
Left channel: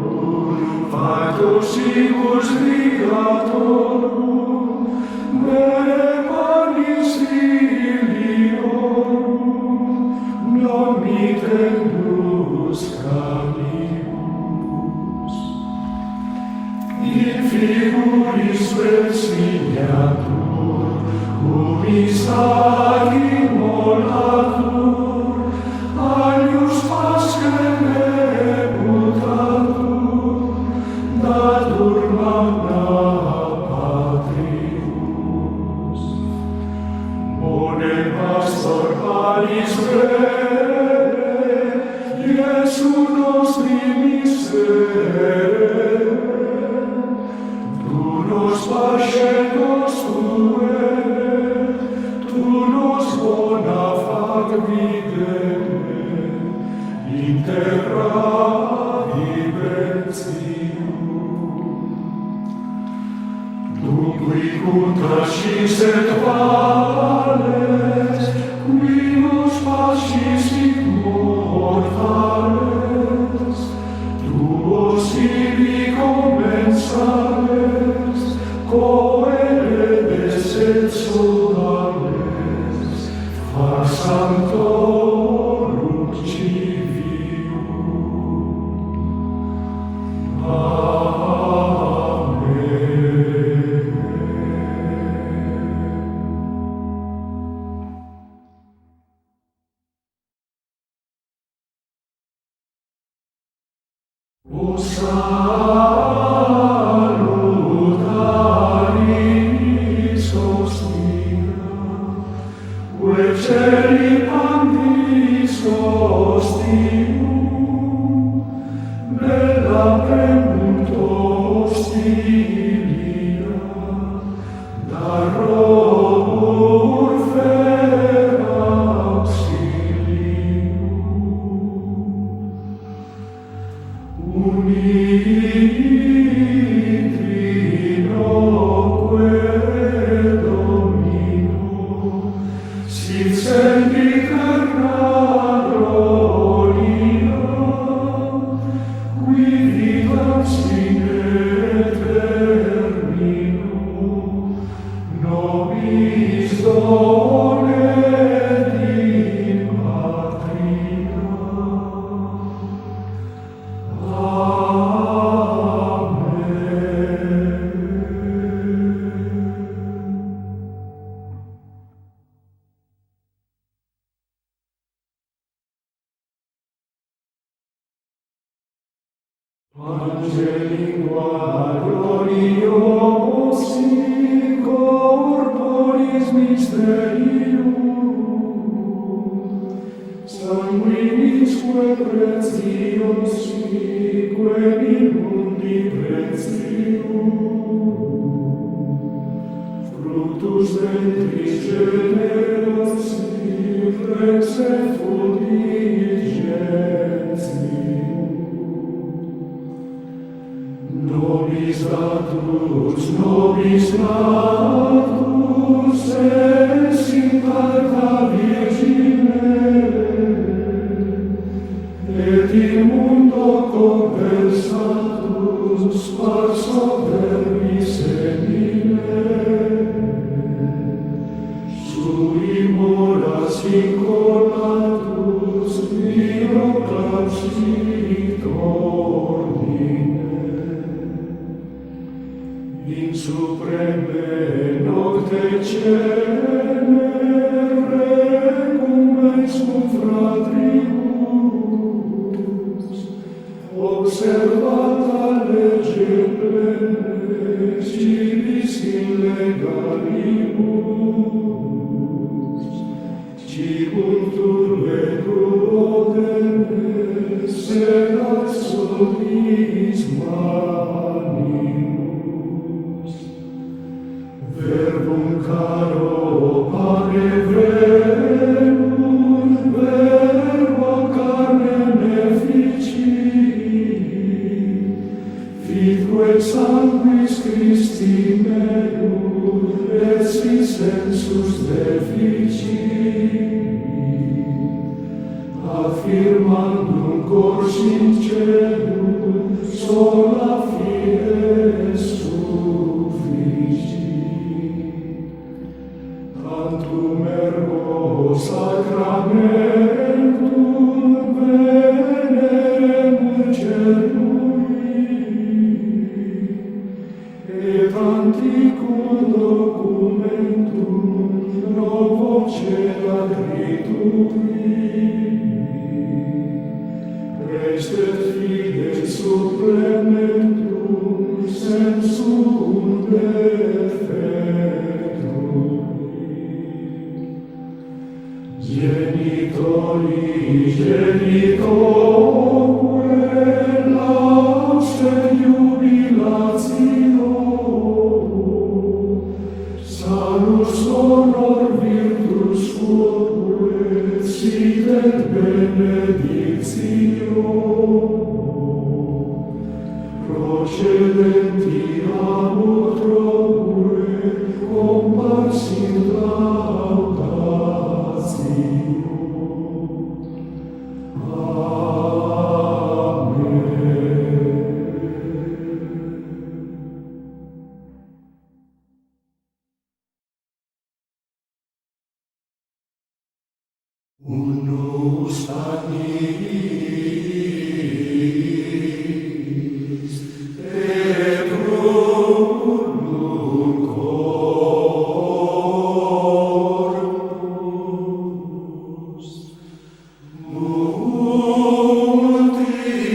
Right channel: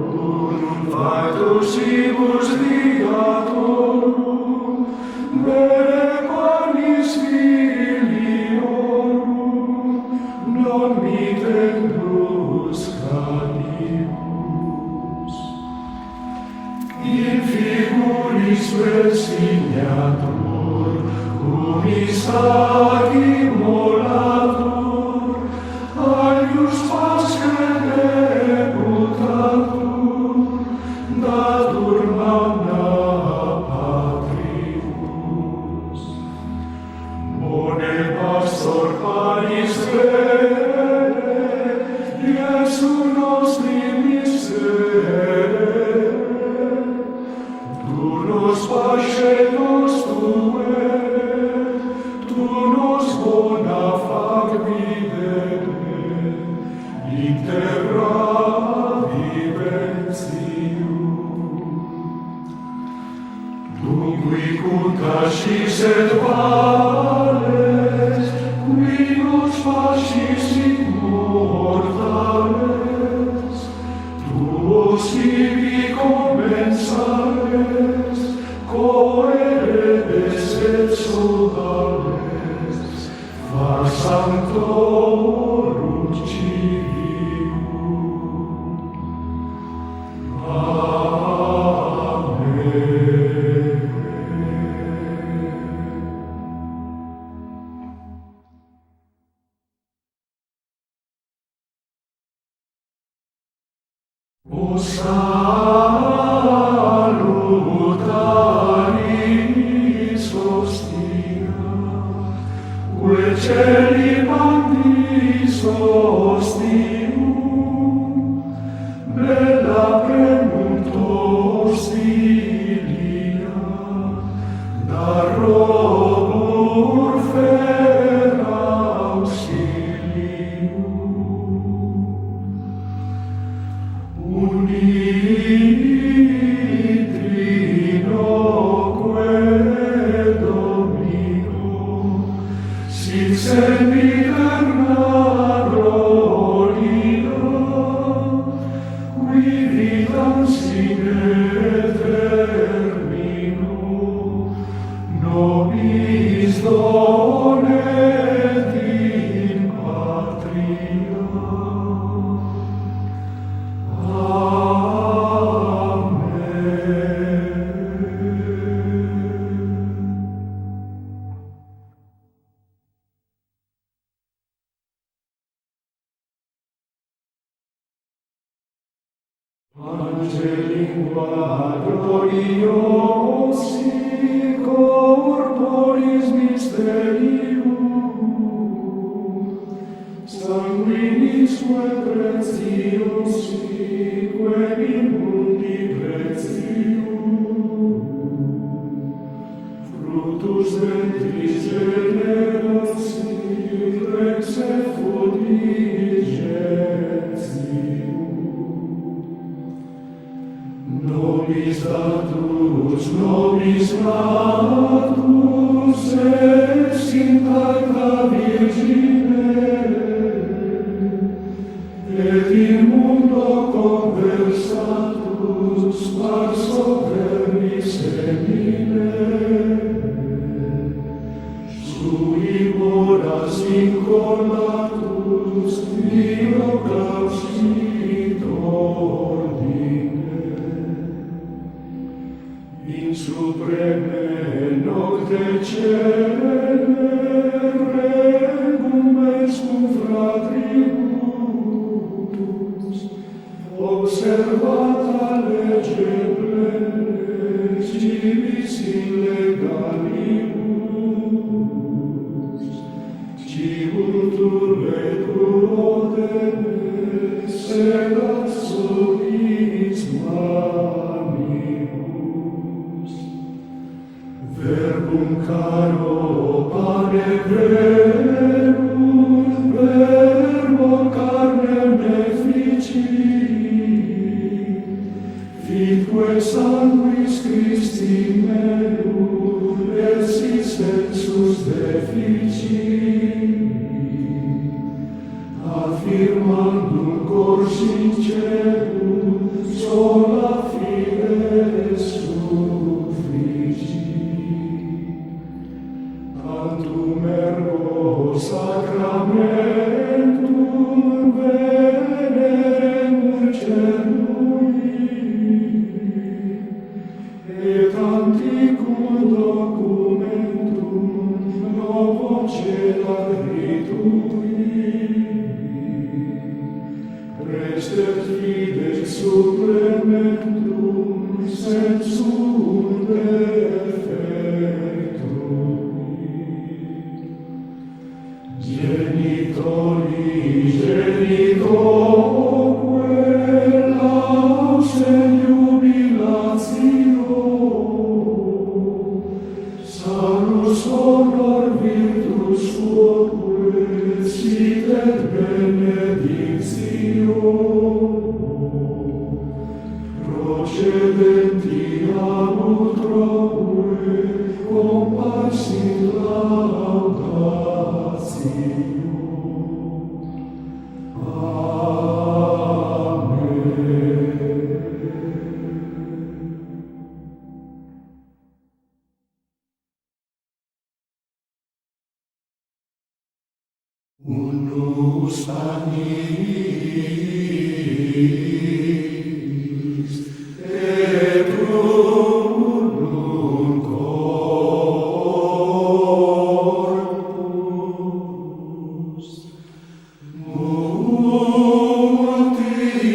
faetosibus viatorum, bene panis filiorum, non mitendus canibus. In figuris presignatur, unis ac immolatur, alius pasque debutatur, datur magna patrius. Bone pastor palis vere, Iesu nostri miserere, tu nos pace nos tuere, tu nos bona fac videre, in terra viventium. Tu qui puntacis et vales, qui nos facis immortales, tuos ibi commensales, coeredes et sodales, fac sanctorum civium. Amen. O salutaris hostia, ue celi pandis hostium, bella premunt hostilia, darrobur fer auxilium. Unitrinoque Domino, sit sempiterna gloria, qui vitam sine termino, nobis donet in patria. Angelingua gloriosi corporis mysterium, sanguinisque preciosi, quem in mundi pretium, fructus ventris generosi, rex et fulgentium. Nobis datus, es in carta Virgine, et in mundo conversatus par soverbis semine, sui moras incolatus, Dio clausit ordine. In supreme nocte celere recumes cum fratribus, observata lege plene civis in legalibus, cibuntur vetuodene sedat subis manibus. Verbum caro pane verbum, verbo carnem efficit, fitque sanguis Christi meum, et si sensus deficit, ad firmandum cor sincerum, sola fide sufficit. Tantum ergo sacramentum veneremur celui, et antiquum documentum novo cedat ritui, prestet fides supplementum sensum defectui. Genitoque laus et jubilatio, salus honor virtus quoque sit et benedictio, procedenti ab utroque comparsit laudatio. Unus annis et unum corpus, multis omnes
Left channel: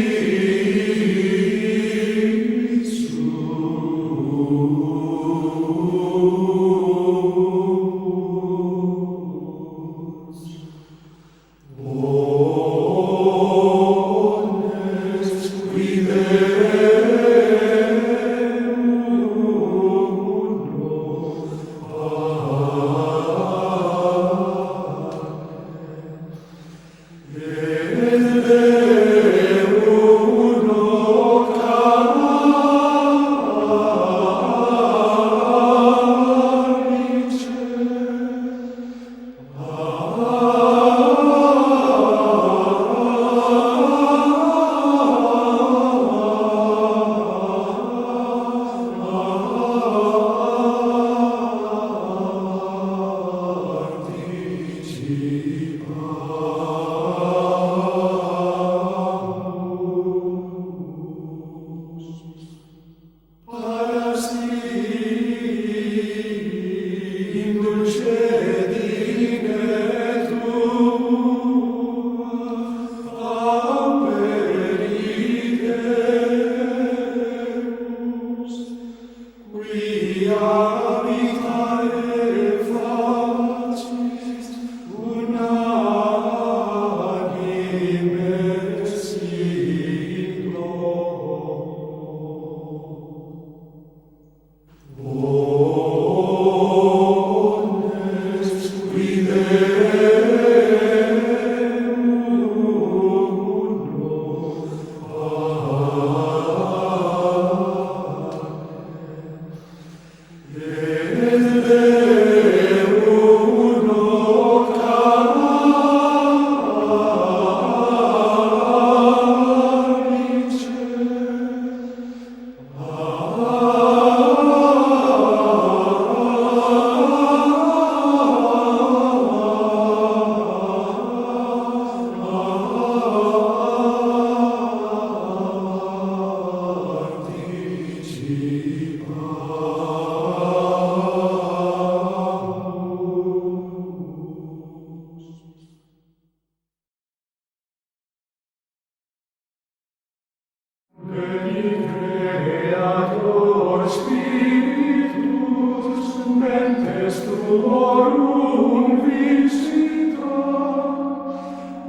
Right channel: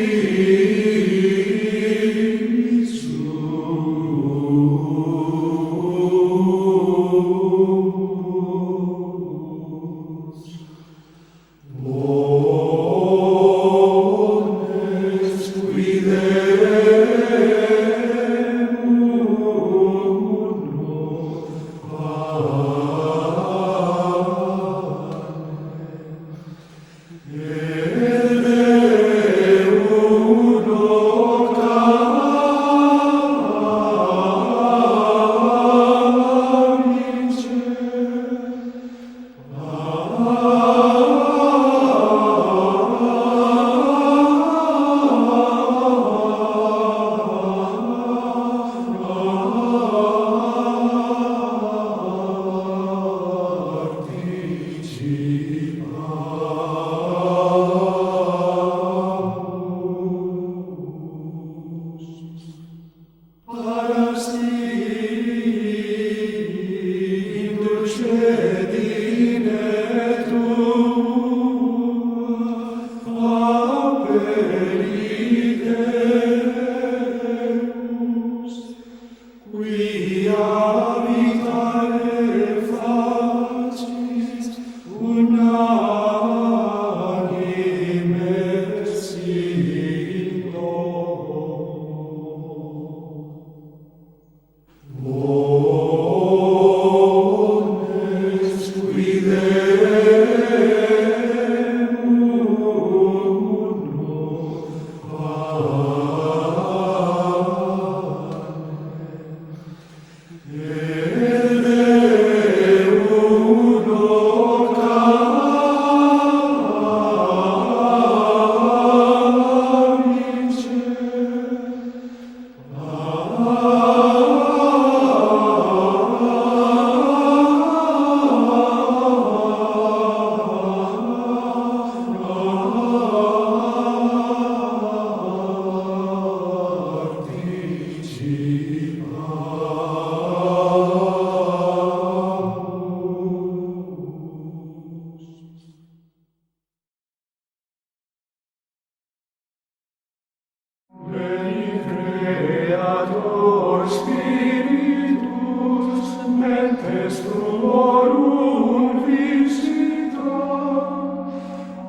Veni Creator Spiritus, mentes tuorum visita,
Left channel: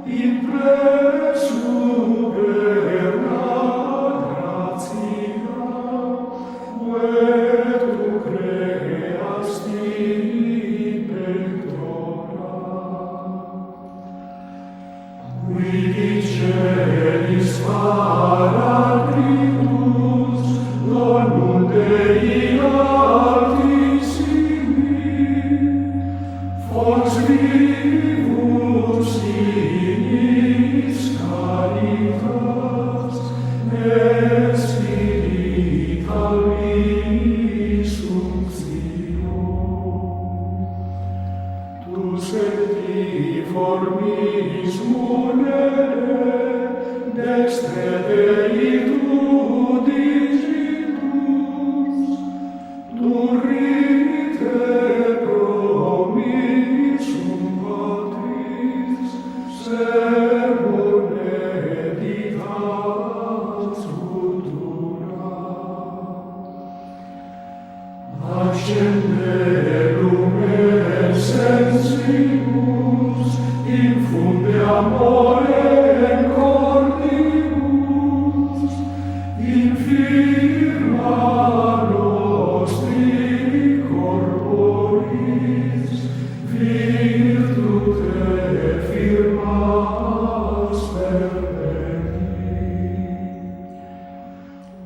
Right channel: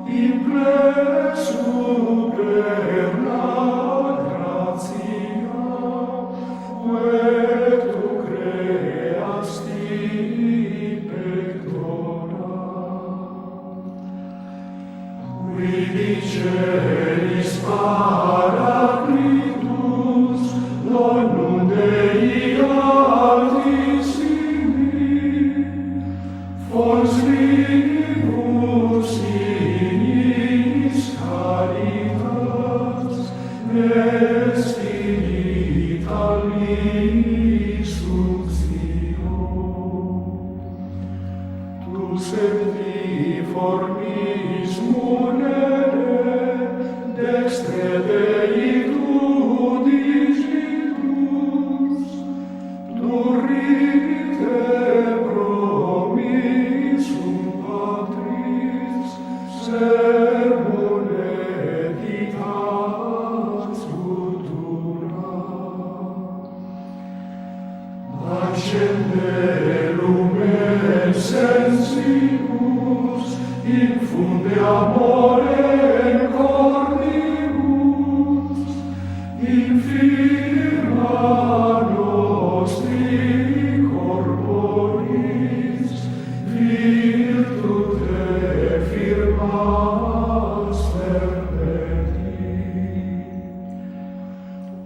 in plena superna gratia, et tu creasti pectora. Qui celis Paraclitus, donum Dei Altissimi, fons vivus in et formis munere, destre Dei tu digitus, durite promissum Patris, servum editas futura. Accende lumen sensibus, infunde amore cornibus, infirma nostri corporis, virtute firmas perfecti.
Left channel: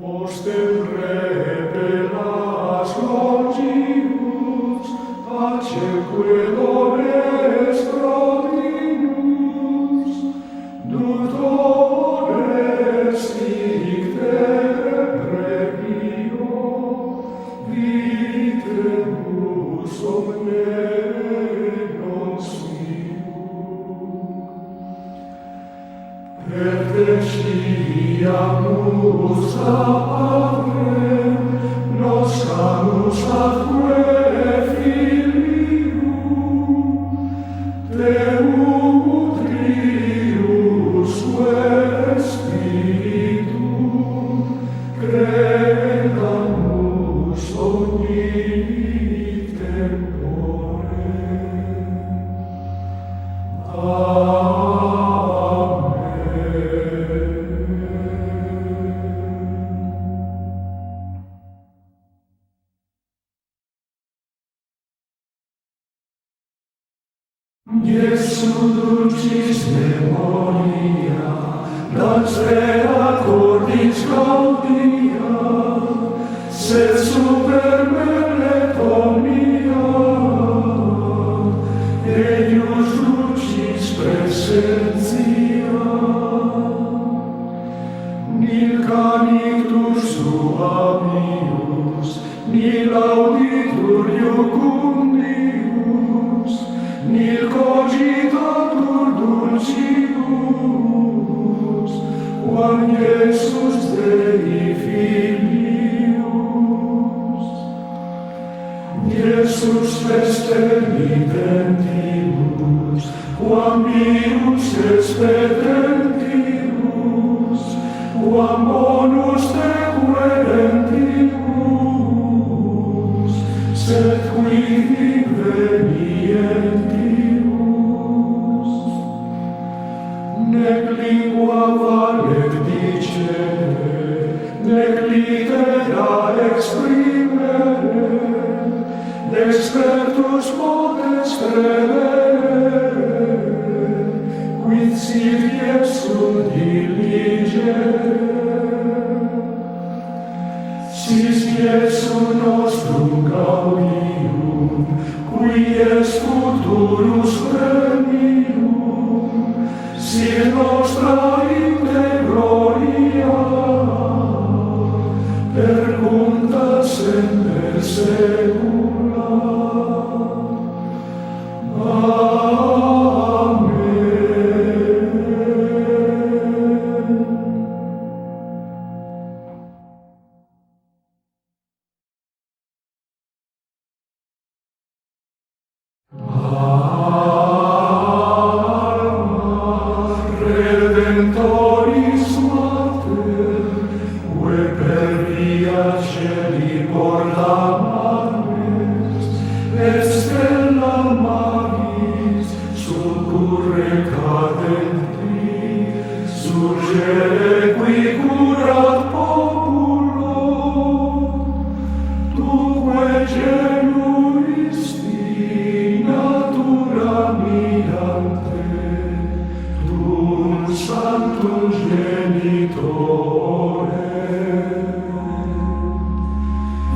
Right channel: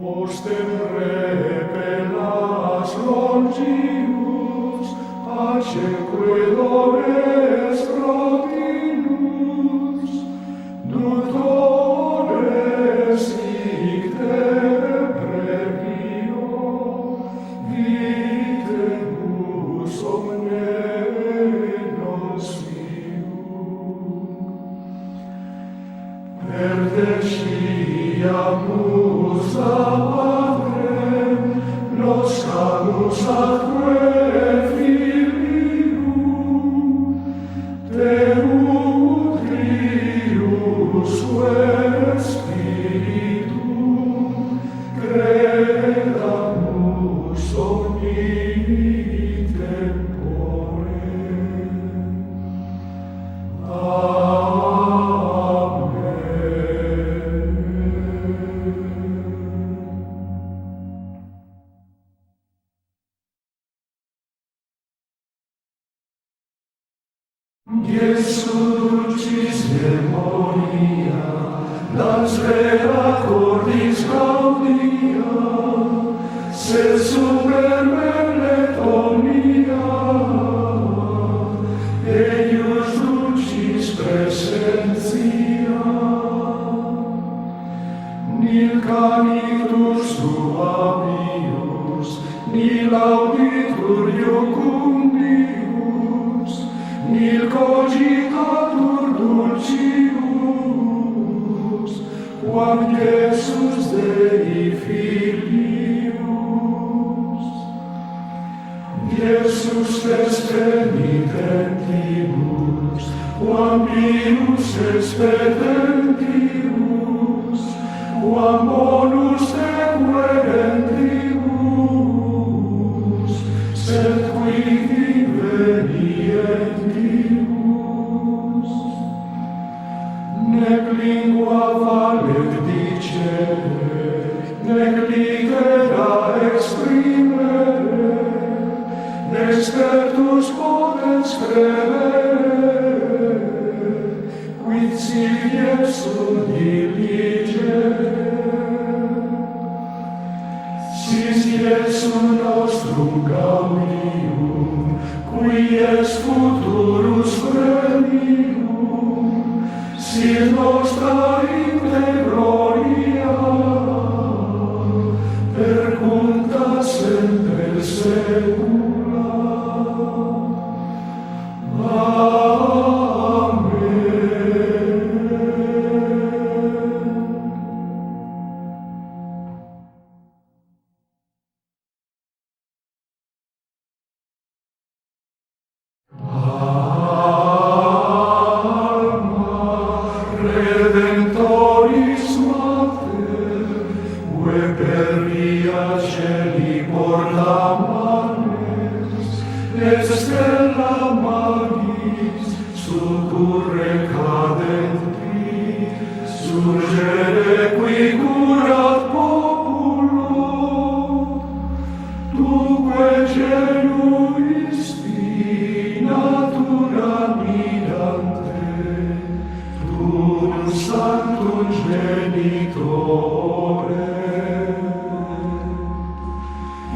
Ostem repelas longius, pacemque dores provinus, dutores icte previo, vitemus omne nocius. Perteciamus a Patrem, noscamus atque Filium, te utrius Spiritum, credamus omni tempore. Iesu dulcis memoria, dans rea cordis gaudia, sed super mellet omnia, eius dulcis presentia. Nil canitur suavius, nil auditur iocundius, nil cogitatur dulcius, quam Iesus Dei Filius. Iesus vestem intentibus, quam pius expedentibus, quam bonus te querentibus, sed quid invenientibus. Nec lingua valet dicere, nec litera exprimere, nec spertus potens credere, quid sit Iesum diligere. Sis Iesum nostrum gaudium, qui es futurus premium, sis nostra inde gloria, percunta semper secula. Redentoris Mater, ue per via celi portamanes, et stella magis succurre cadenti, surgere qui curat populo, tuque genuisti natura mirante, Sanctum Genitore,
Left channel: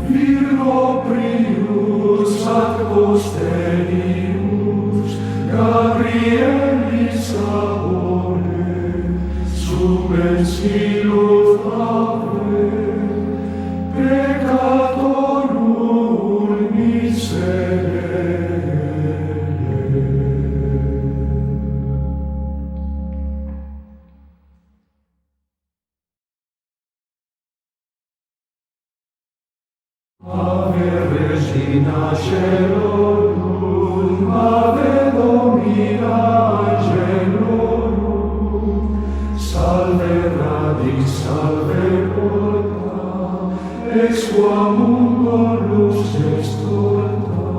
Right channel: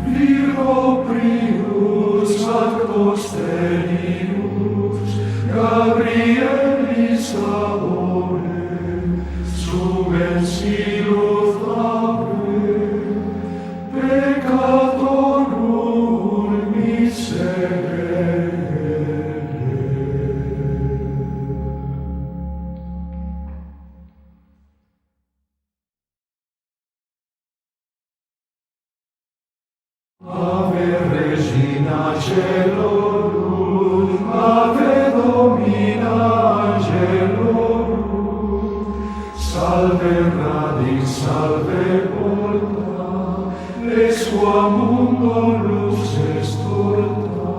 Virgo prius ad posterius, Gabrielis favore, sumen silut fave, peccatorum miserere. angelorum, Ave Domina angelorum, salve radix, salve porta, ex qua mundo lux est torta.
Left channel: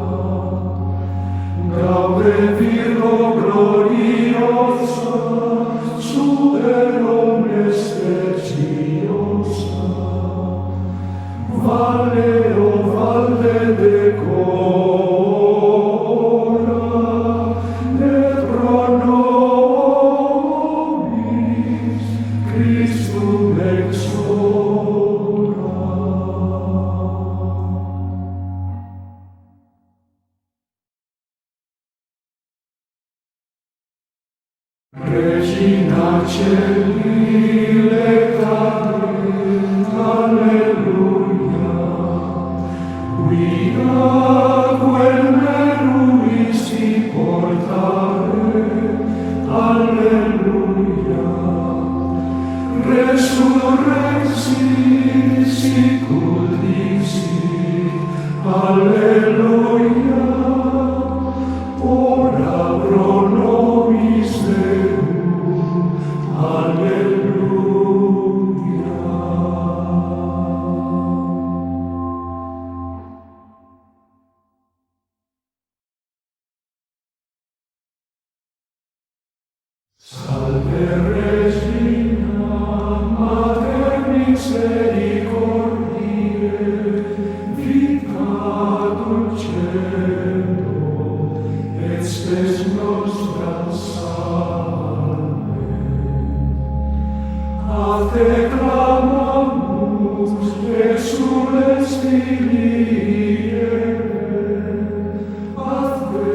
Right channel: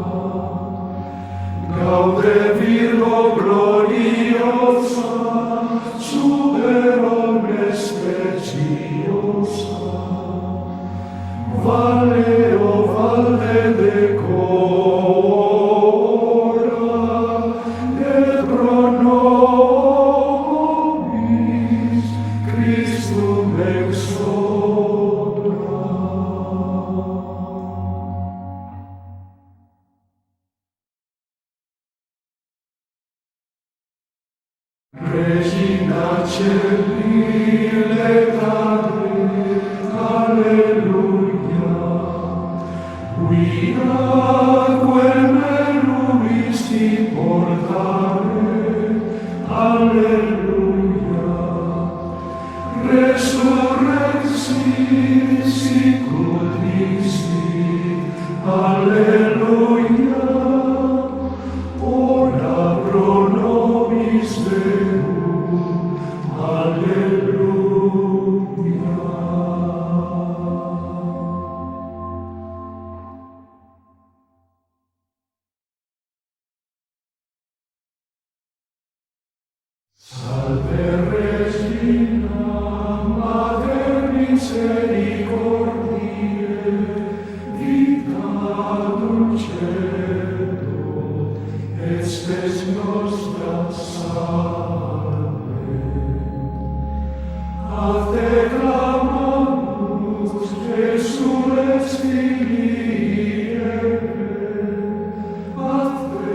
Gaude Virgo gloriosa, super omnes speciosa, Valle o valde decora, et pro nobis Christum exora. Regina Celi lectare, alleluia, quia quel meruisti portare, alleluia, resurrexit sicut dixit, alleluia, ora pro nobis Deum, alleluia. Salve Regina, Mater misericordiae, vita dulcedo, et spes nostra salve. A te clamamus, exules Filiae, a te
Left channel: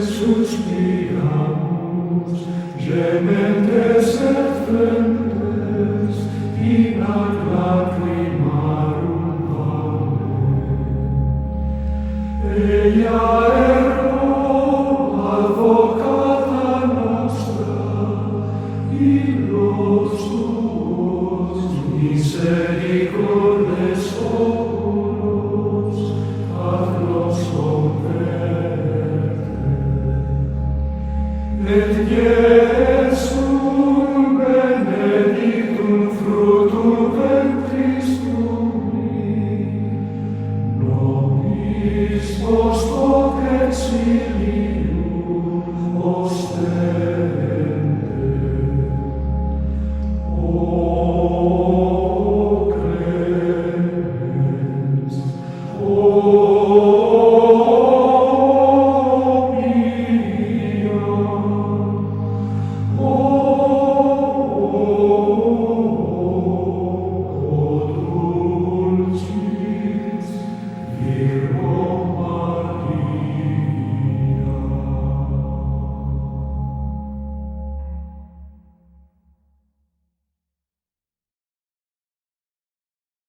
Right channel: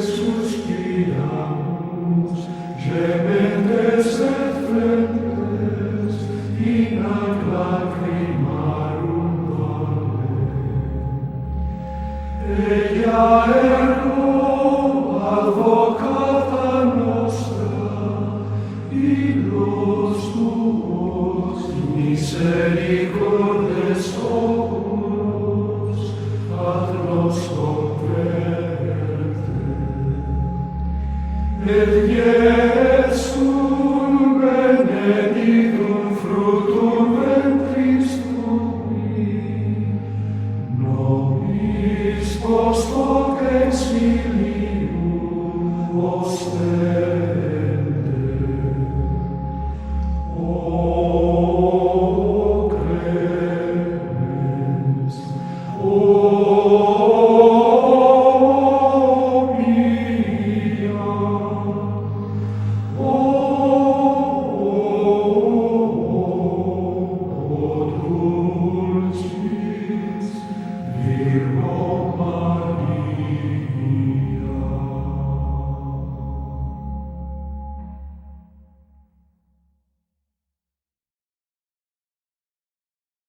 suspiramus, gementes et flentes, in ac lacrimarum valle. Eia ergo, advocata nostra, illos tuos misericordes oculos, ad nos converte. Et Iesum benedictum fructum ventris tui, nobis post hoc exilia